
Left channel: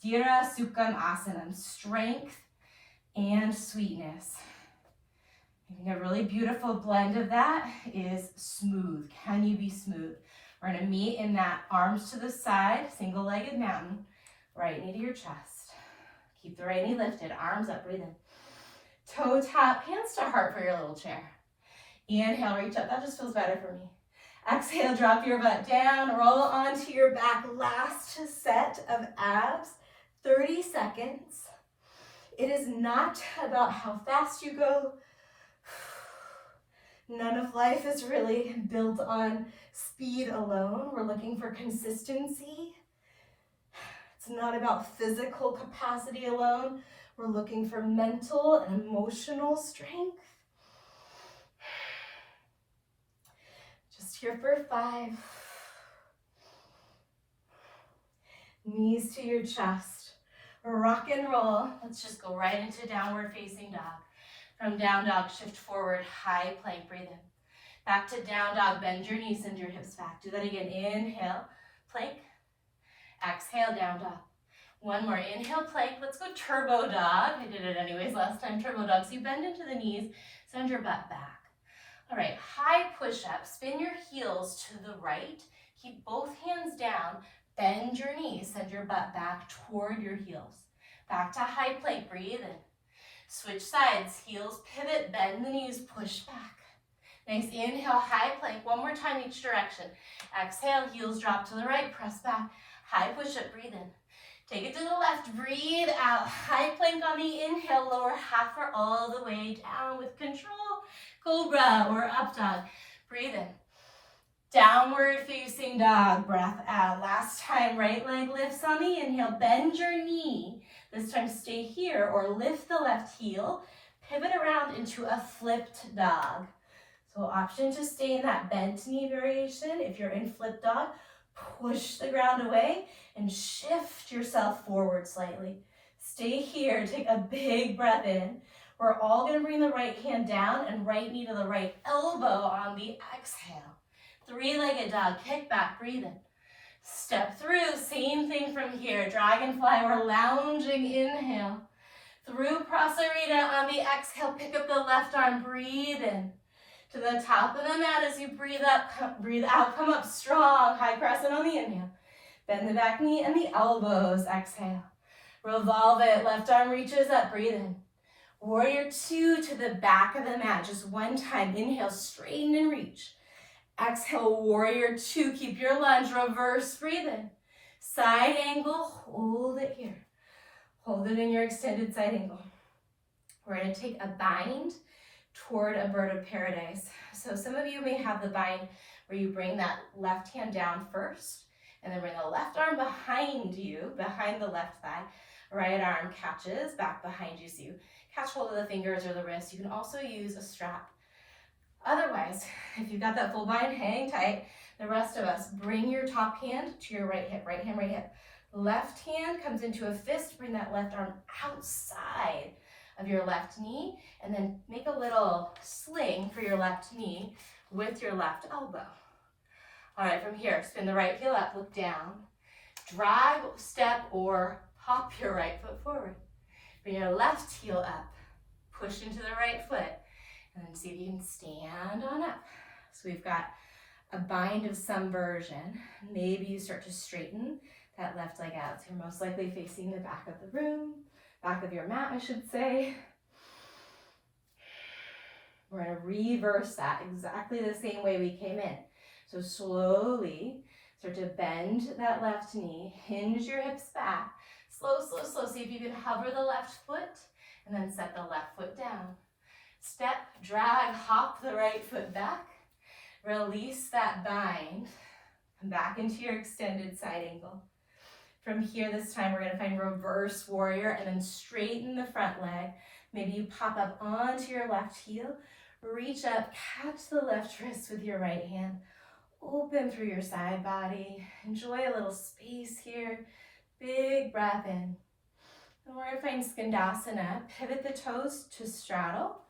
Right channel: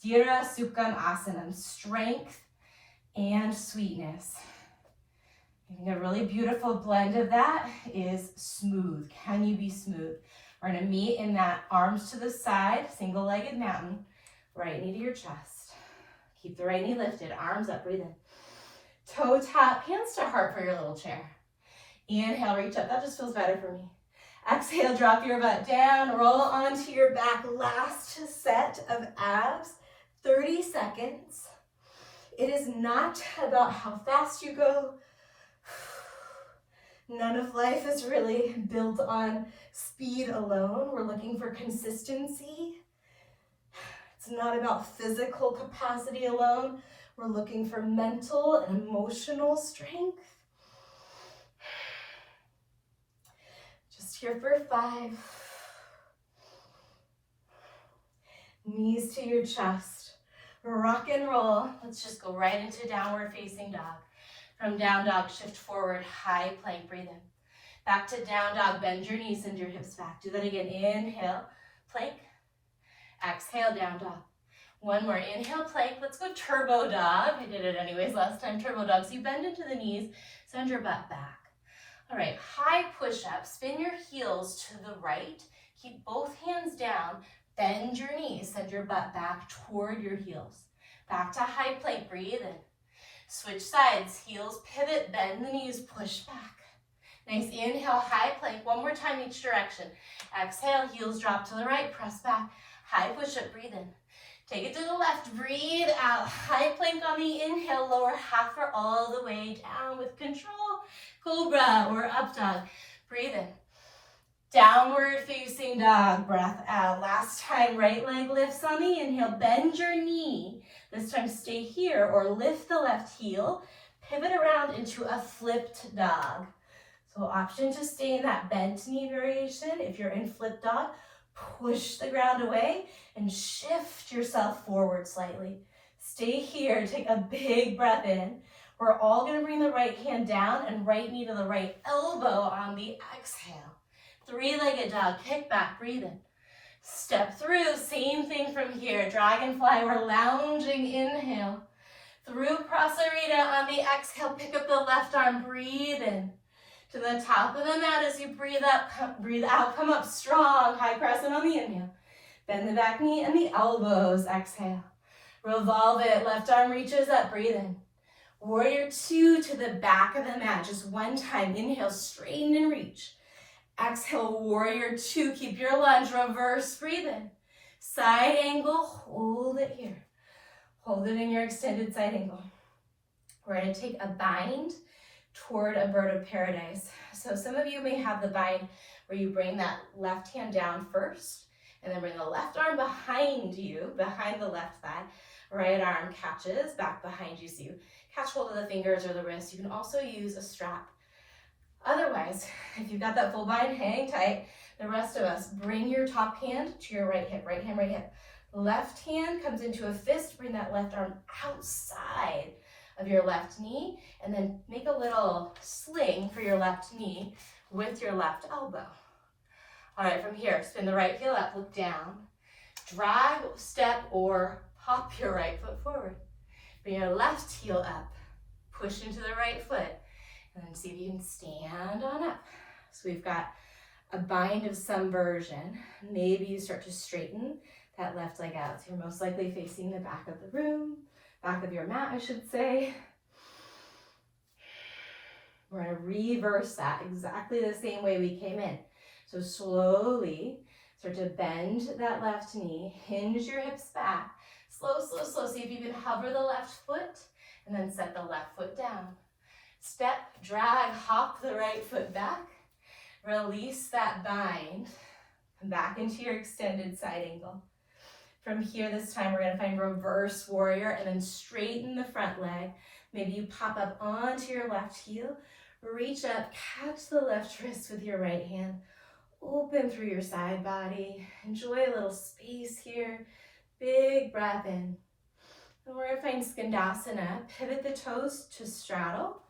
Sthira Sukham Asanam, strength and sweetness. I think a really beautiful blend of that is smooth. Can you be smooth? We're gonna meet in that arms to the side, single-legged mountain, right knee to your chest. Keep the right knee lifted, arms up, breathe in. Toe tap, hands to heart for your little chair. Inhale, reach up, that just feels better for me. Exhale, drop your butt down, roll onto your back. Last set of abs, 30 seconds. It is not about how fast you go. None of life is really built on speed alone. We're looking for consistency. It's not about physical capacity alone. We're looking for mental and emotional strength. Just here for 5. Knees to your chest. Rock and roll. Let's just go right into downward facing dog. From down dog, shift forward, high plank, breathe in. Back to down dog, bend your knees, send your hips back. Do that again, inhale, plank. Exhale, down dog. One more, inhale, plank. Let's go turbo dog. I did it anyways last time, turbo dog. So you bend into the knees, send your butt back. All right, high push-up, spin your heels to the right. Keep both hands down, bend your knees, send your butt back toward your heels. Back to high plank, breathe in. Switch sides, heels pivot, bend the knees, push back. Nice, inhale, high plank, one more time each direction. Exhale, heels drop to the right, press back, high push-up, breathe in. Take it to the left, breathe out, high plank on the inhale, lower half or all the way down with control. Cobra or up dog, breathe in. Downward facing dog, breath out. Last time, right leg lifts on the inhale, bend your knee. This time stay here or lift the left heel, pivot around into a flipped dog. So option to stay in that bent knee variation. If you're in flipped dog, push the ground away and shift yourself forward slightly. Stay here, take a big breath in. We're all gonna bring the right hand down and right knee to the right elbow on the exhale. 3-legged dog, kick back, breathe in. Step through, same thing from here. Dragonfly, we're lounging, inhale. Through Prasarita on the exhale, pick up the left arm, breathe in. To the top of the mat as you breathe up, breathe out, come up strong. High crescent on the inhale. Bend the back knee and the elbows, exhale. Revolve it, left arm reaches up, breathe in. Warrior 2 to the back of the mat, just one time. Inhale, straighten and reach. Exhale, warrior 2, keep your lunge, reverse, breathe in. Side angle, hold it here. Hold it in your extended side angle. We're gonna take a bind toward a bird of paradise. So some of you may have the bind where you bring that left hand down first, and then bring the left arm behind you, behind the left thigh. Right arm catches back behind you, so you catch hold of the fingers or the wrist. You can also use a strap. Otherwise, if you've got that full bind, hang tight. The rest of us, bring your top hand to your right hip, right hand, right hip. Left hand comes into a fist, bring that left arm outside of your left knee, and then make a little sling for your left knee with your left elbow. All right, from here, spin the right heel up, look down. Drag, step, or hop your right foot forward. Bring your left heel up, push into the right foot, and then see if you can stand on up. So we've got a bind of some version. Maybe you start to straighten that left leg out. So you're most likely facing the back of the room, back of your mat, I should say. We're gonna reverse that exactly the same way we came in. So slowly start to bend that left knee, hinge your hips back. Slow, slow, slow. See if you can hover the left foot and then set the left foot down. Step, drag, hop the right foot back. Release that bind. Come back into your extended side angle. From here, this time, we're gonna find reverse warrior and then straighten the front leg. Maybe you pop up onto your left heel, reach up, catch the left wrist with your right hand. Open through your side body. Enjoy a little space here. Big breath in. And we're gonna find Skandasana. Pivot the toes to straddle.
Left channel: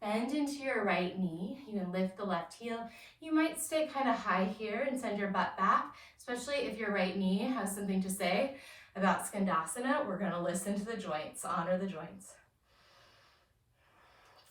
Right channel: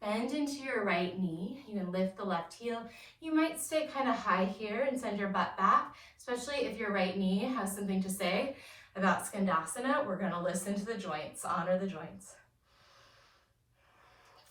Bend into your right knee. You can lift the left heel. You might stay kind of high here and send your butt back, especially if your right knee has something to say about Skandasana. We're gonna listen to the joints, honor the joints.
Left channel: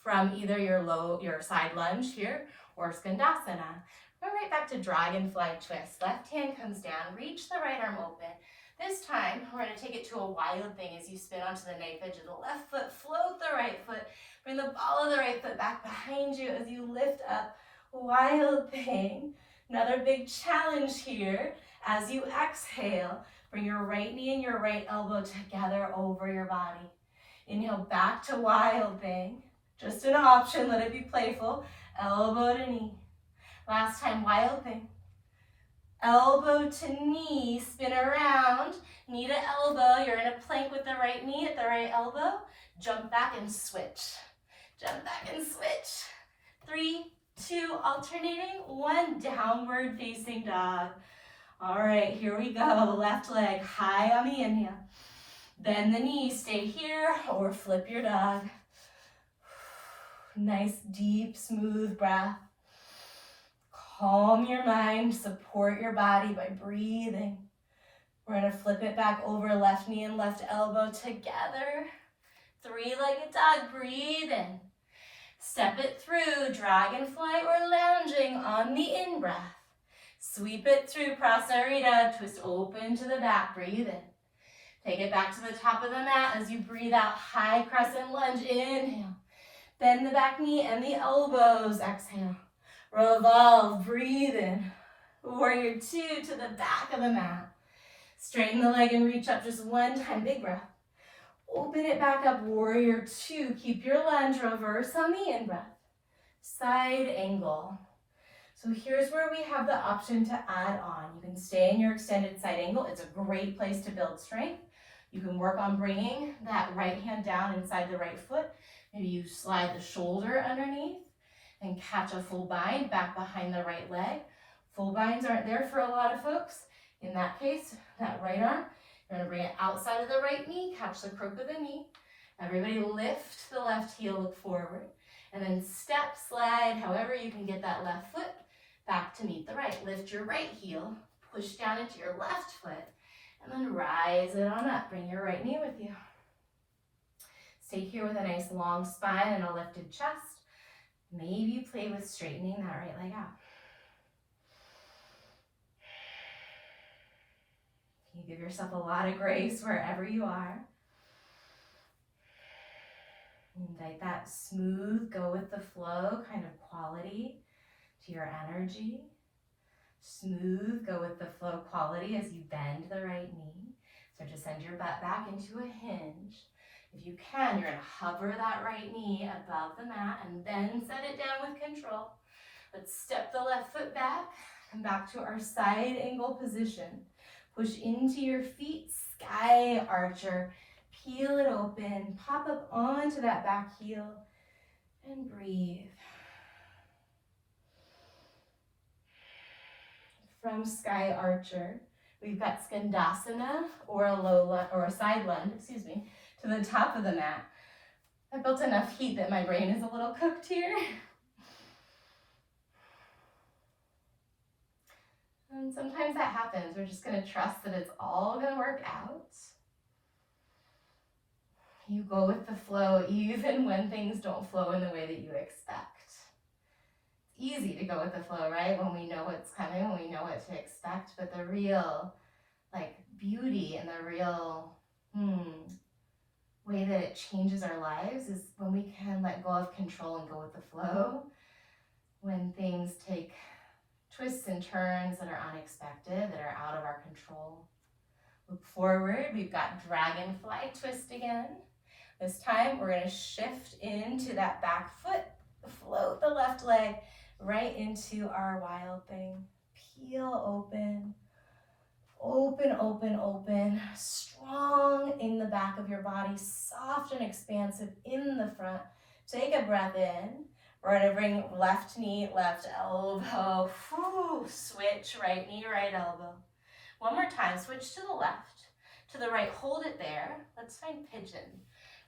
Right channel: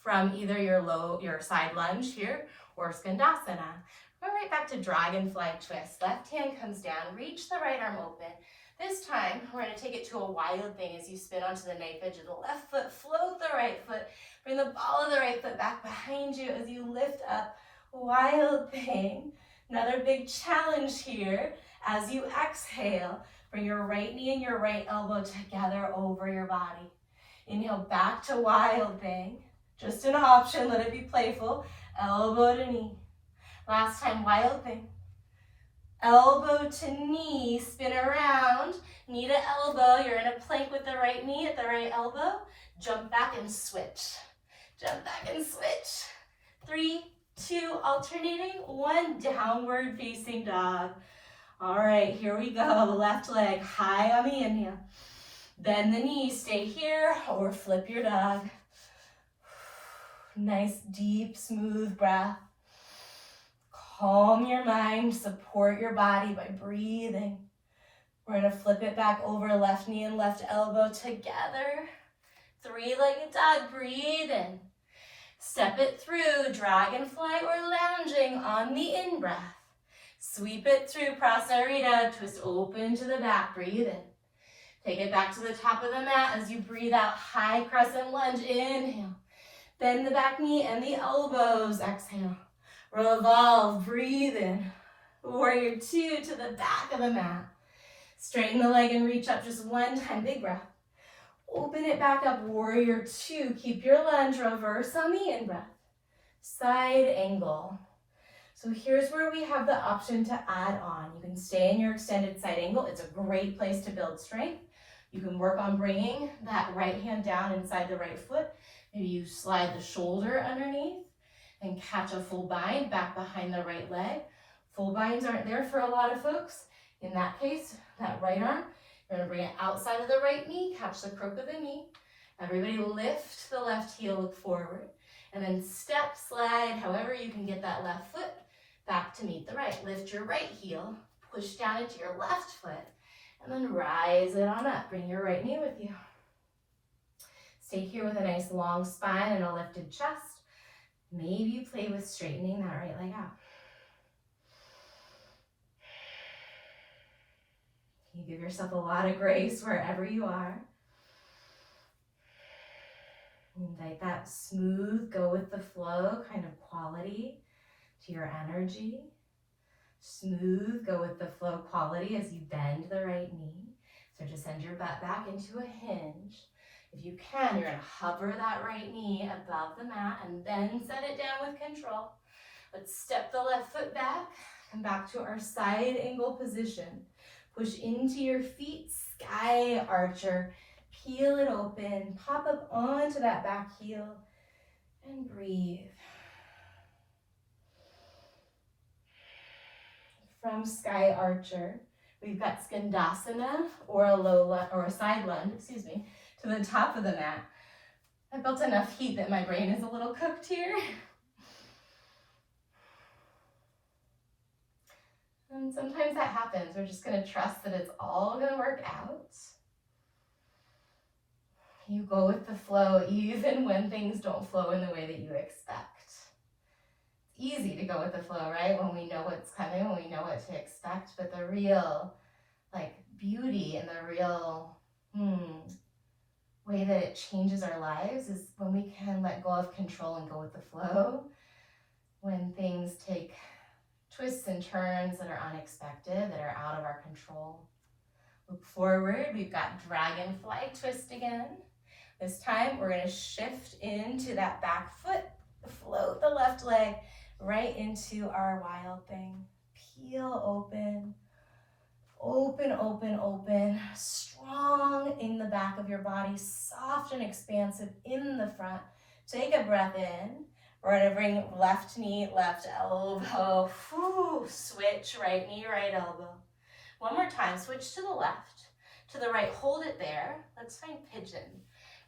From either your side lunge here or Skandasana. Go right back to dragonfly twist. Left hand comes down, reach the right arm open. This time, we're gonna take it to a wild thing as you spin onto the knife edge of the left foot, float the right foot, bring the ball of the right foot back behind you as you lift up, wild thing. Another big challenge here. As you exhale, bring your right knee and your right elbow together over your body. Inhale back to wild thing. Just an option, let it be playful. Elbow to knee. Last time, wild thing. Elbow to knee, spin around, knee to elbow. You're in a plank with the right knee at the right elbow. Jump back and switch. Jump back and switch. 3, 2, alternating. 1, downward facing dog. All right, here we go. Left leg high on the inhale. Bend the knee, stay here, or flip your dog. Nice, deep, smooth breath. Calm your mind, support your body by breathing. We're gonna flip it back over, left knee and left elbow together. 3-legged dog, breathe in. Step it through, dragonfly or lounging on the in-breath. Sweep it through, prasarita, twist open to the back, breathe in. Take it back to the top of the mat as you breathe out, high crescent lunge, inhale. Bend the back knee and the elbows, exhale. Revolve, breathe in. Warrior 2 to the back of the mat. Straighten the leg and reach up just one time, big breath. Open it back up, warrior 2. Keep your lunge, reverse on the in-breath. Side angle. So here's where we have the option to add on. You can stay in your extended side angle. It's a great place to build strength. You can work on bringing that right hand down inside the right foot. Maybe you slide the shoulder underneath and catch a full bind back behind the right leg. Full binds aren't there for a lot of folks. In that case, that right arm, you're gonna bring it outside of the right knee, catch the crook of the knee. Everybody lift the left heel, look forward. And then step, slide, however you can get that left foot back to meet the right. Lift your right heel, push down into your left foot, and then rise it on up. Bring your right knee with you. Stay here with a nice long spine and a lifted chest. Maybe play with straightening that right leg out. You give yourself a lot of grace wherever you are. Invite that smooth, go with the flow kind of quality to your energy. Smooth, go with the flow quality as you bend the right knee. So just send your butt back into a hinge. If you can, you're gonna hover that right knee above the mat and then set it down with control. Let's step the left foot back, come back to our side angle position. Push into your feet, sky archer. Peel it open, pop up onto that back heel and breathe. From sky archer, we've got Skandasana or a side lunge, to the top of the mat. I built enough heat that my brain is a little cooked here. And sometimes that happens. We're just gonna trust that it's all gonna work out. You go with the flow even when things don't flow in the way that you expect. It's easy to go with the flow, right? When we know what's coming, when we know what to expect, but the real beauty and the real way that it changes our lives is when we can let go of control and go with the flow. When things take twists and turns that are unexpected, that are out of our control. Look forward, we've got dragonfly twist again. This time we're gonna shift into that back foot, float the left leg right into our wild thing. Peel open. Open, open, open. Strong in the back of your body, soft and expansive in the front. Take a breath in. We're gonna bring left knee, left elbow. Switch, right knee, right elbow. One more time, switch to the left. To the right, hold it there. Let's find pigeon.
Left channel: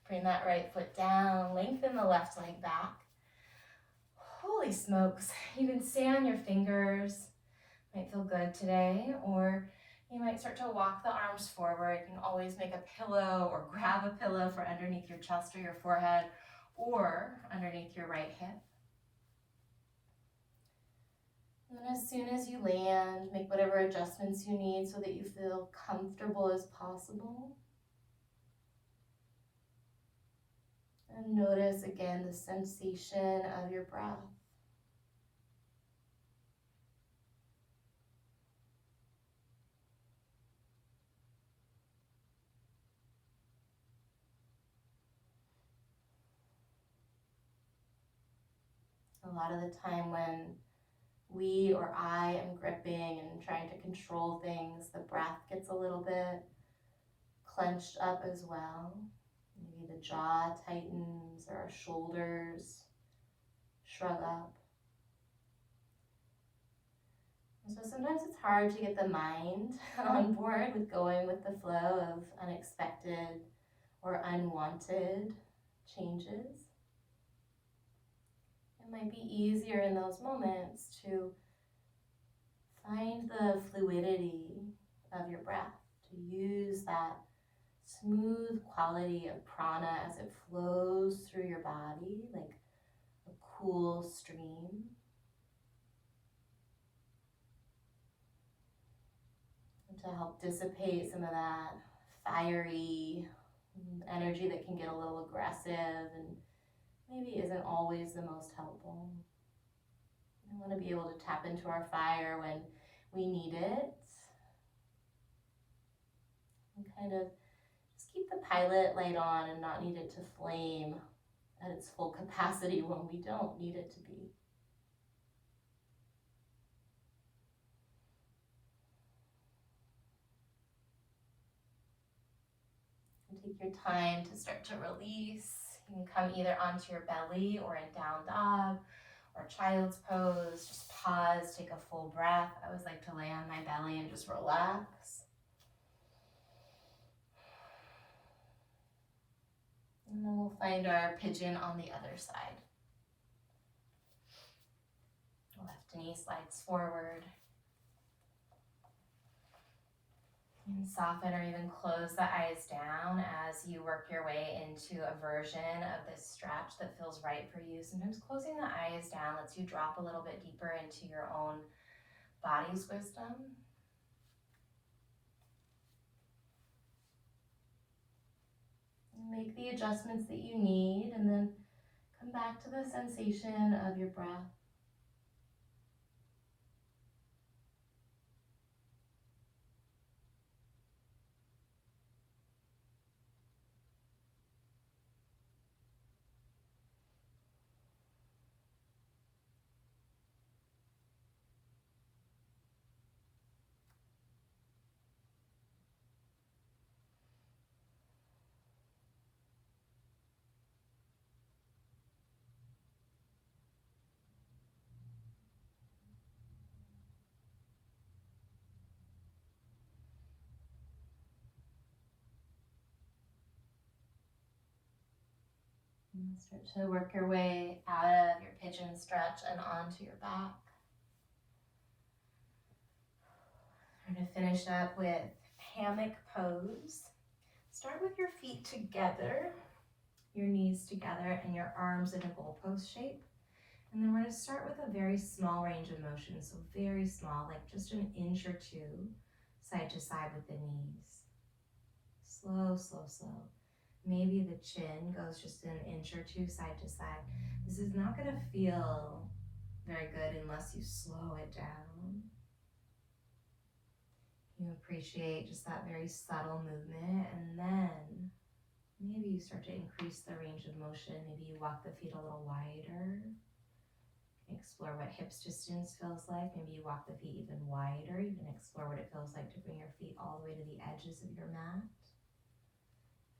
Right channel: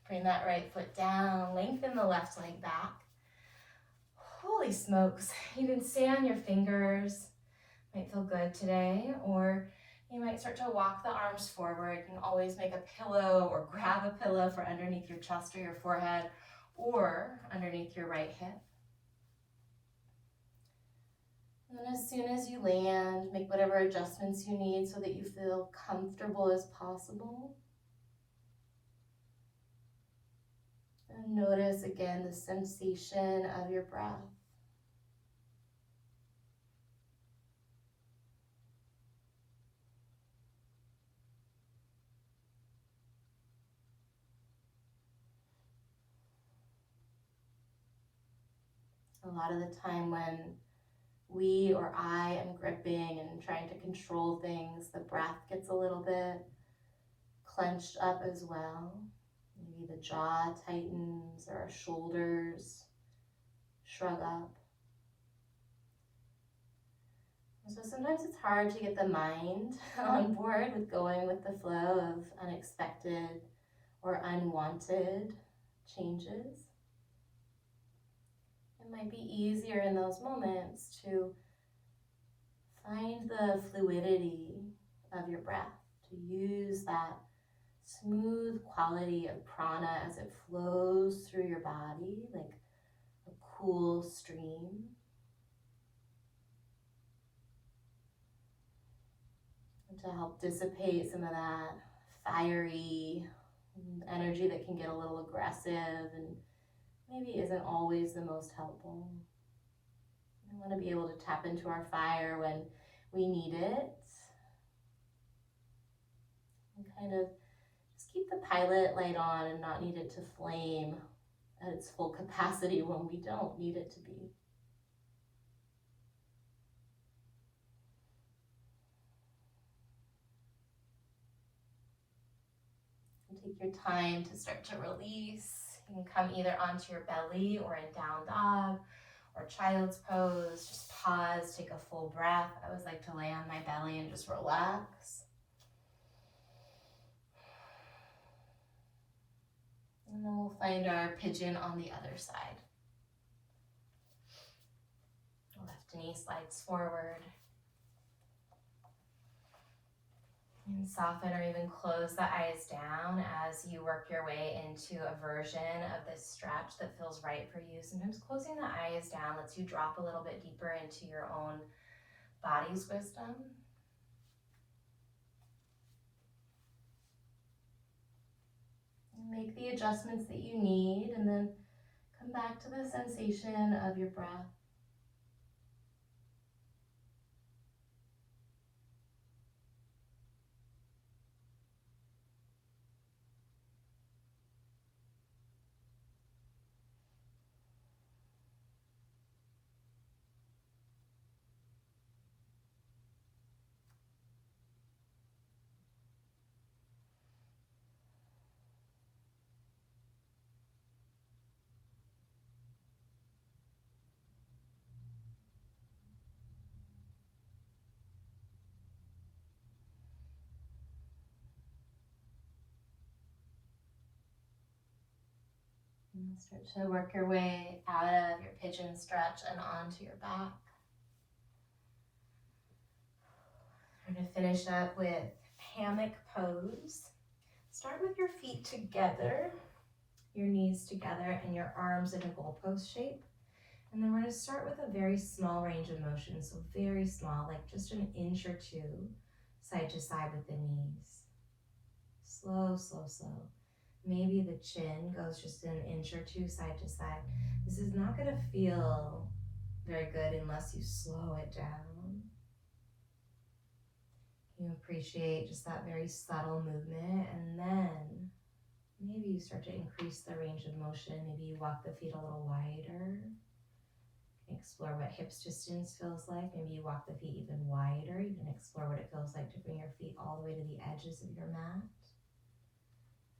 Bring that right foot down, lengthen the left leg back. Holy smokes, you can stay on your fingers. Might feel good today, or you might start to walk the arms forward. You can always make a pillow or grab a pillow for underneath your chest or your forehead or underneath your right hip. And then as soon as you land, make whatever adjustments you need so that you feel comfortable as possible. And notice again the sensation of your breath. A lot of the time when we or I am gripping and trying to control things, the breath gets a little bit clenched up as well. Maybe the jaw tightens or our shoulders shrug up. And so sometimes it's hard to get the mind on board with going with the flow of unexpected or unwanted changes. It might be easier in those moments to find the fluidity of your breath, to use that smooth quality of prana as it flows through your body like a cool stream. And to help dissipate some of that fiery energy that can get a little aggressive and maybe isn't always the most helpful. We want to be able to tap into our fire when we need it. And kind of just keep the pilot light on and not need it to flame at its full capacity when we don't need it to be. And take your time to start to release. You can come either onto your belly or in down dog or child's pose. Just pause, take a full breath. I always like to lay on my belly and just relax. And then we'll find our pigeon on the other side. Left knee slides forward. And soften or even close the eyes down as you work your way into a version of this stretch that feels right for you. Sometimes closing the eyes down lets you drop a little bit deeper into your own body's wisdom. Make the adjustments that you need and then come back to the sensation of your breath. And start to work your way out of your pigeon stretch and onto your back. We're going to finish up with hammock pose. Start with your feet together, your knees together, and your arms in a goalpost shape. And then we're going to start with a very small range of motion, so very small, like just an inch or two, side to side with the knees. Slow, slow, slow. Maybe the chin goes just an inch or two side to side. This is not going to feel very good unless you slow it down. You appreciate just that very subtle movement, and then maybe you start to increase the range of motion. Maybe you walk the feet a little wider. Explore what hips distance feels like. Maybe you walk the feet even wider. You can explore what it feels like to bring your feet all the way to the edges of your mat.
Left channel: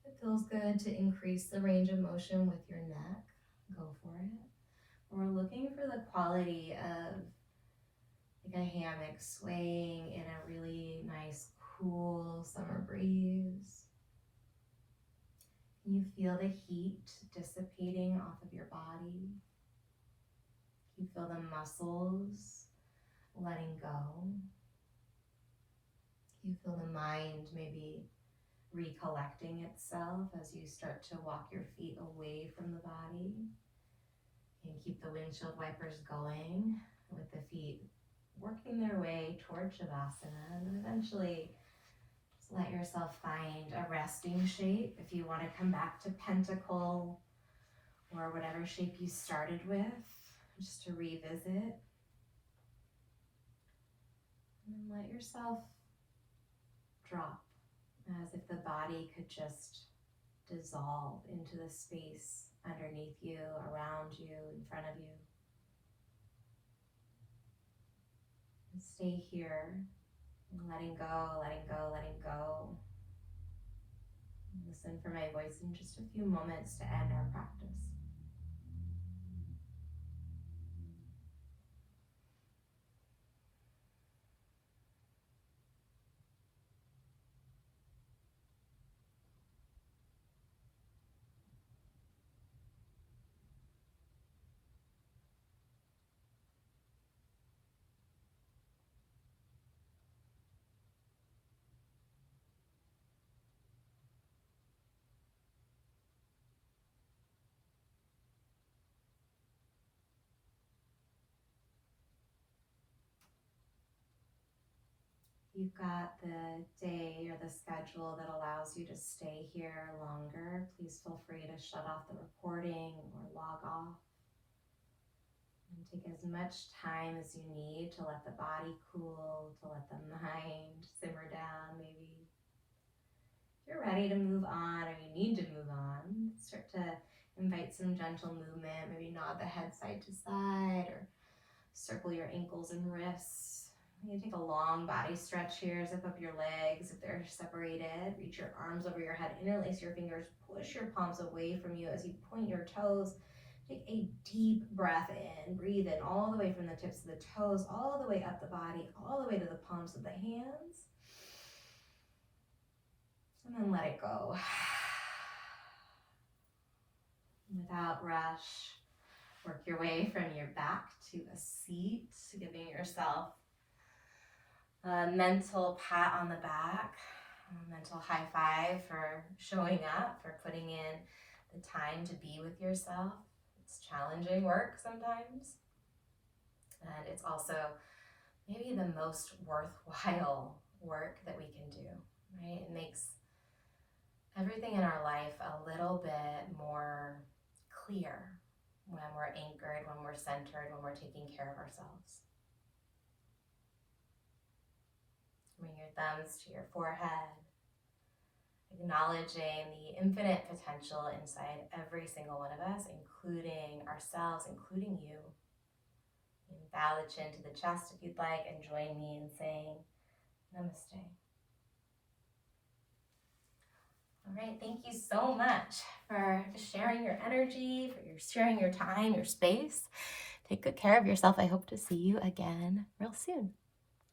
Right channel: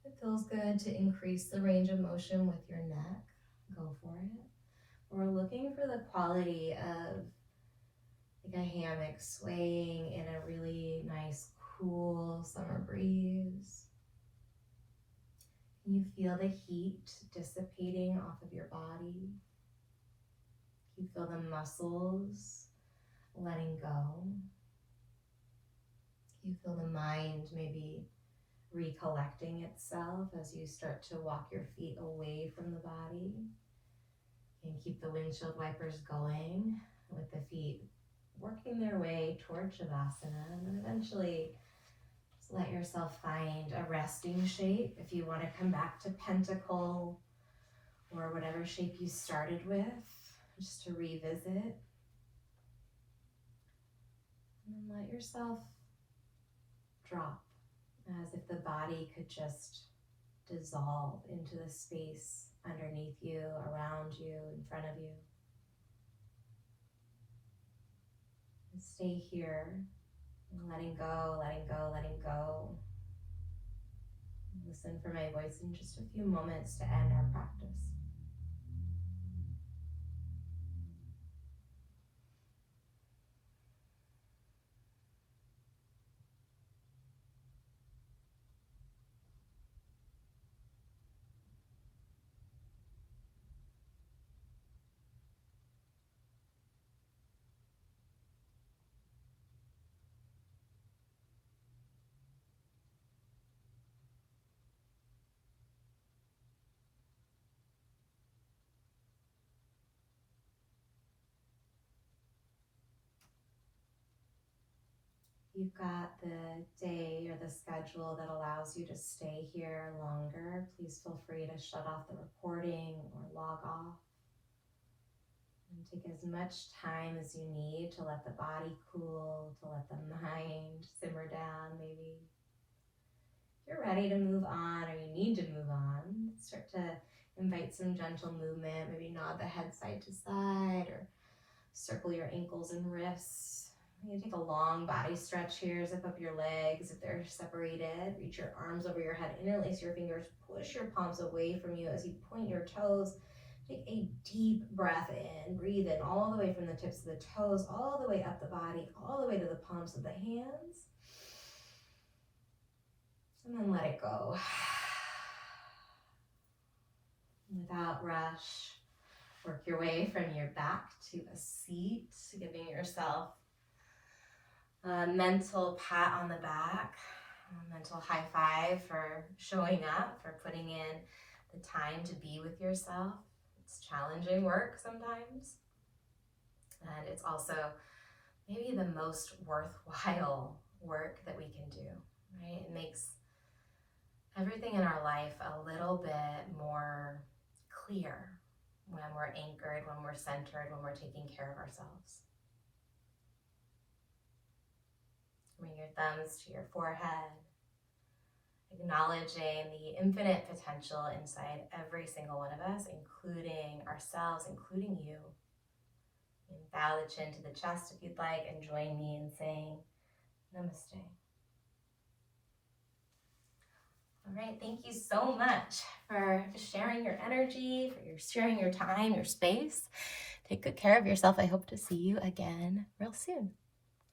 If it feels good to increase the range of motion with your neck, go for it. We're looking for the quality of like a hammock swaying in a really nice, cool summer breeze. You feel the heat dissipating off of your body. You feel the muscles letting go. You feel the mind maybe recollecting itself as you start to walk your feet away from the body. And keep the windshield wipers going with the feet working their way toward Shavasana, and then eventually just let yourself find a resting shape. If you want to come back to pentacle or whatever shape you started with, just to revisit. And then let yourself drop as if the body could just dissolve into the space underneath you, around you, in front of you. And stay here, and letting go, letting go, letting go. And listen for my voice in just a few moments to end our practice. You've got the day or the schedule that allows you to stay here longer. Please feel free to shut off the recording or log off. And take as much time as you need to let the body cool, to let the mind simmer down maybe. If you're ready to move on or you need to move on, start to invite some gentle movement. Maybe nod the head side to side or circle your ankles and wrists. You take a long body stretch here. Zip up your legs if they're separated. Reach your arms over your head. Interlace your fingers. Push your palms away from you as you point your toes. Take a deep breath in. Breathe in all the way from the tips of the toes, all the way up the body, all the way to the palms of the hands. And then let it go. Without rush, work your way from your back to a seat, giving yourself a mental pat on the back, a mental high five for showing up, for putting in the time to be with yourself. It's challenging work sometimes, and it's also maybe the most worthwhile work that we can do, right? It makes everything in our life a little bit more clear when we're anchored, when we're centered, when we're taking care of ourselves. Bring your thumbs to your forehead, acknowledging the infinite potential inside every single one of us, including ourselves, including you. And bow the chin to the chest if you'd like, and join me in saying namaste. All right, thank you so much for sharing your energy, for sharing your time, your space. Take good care of yourself. I hope to see you again real soon.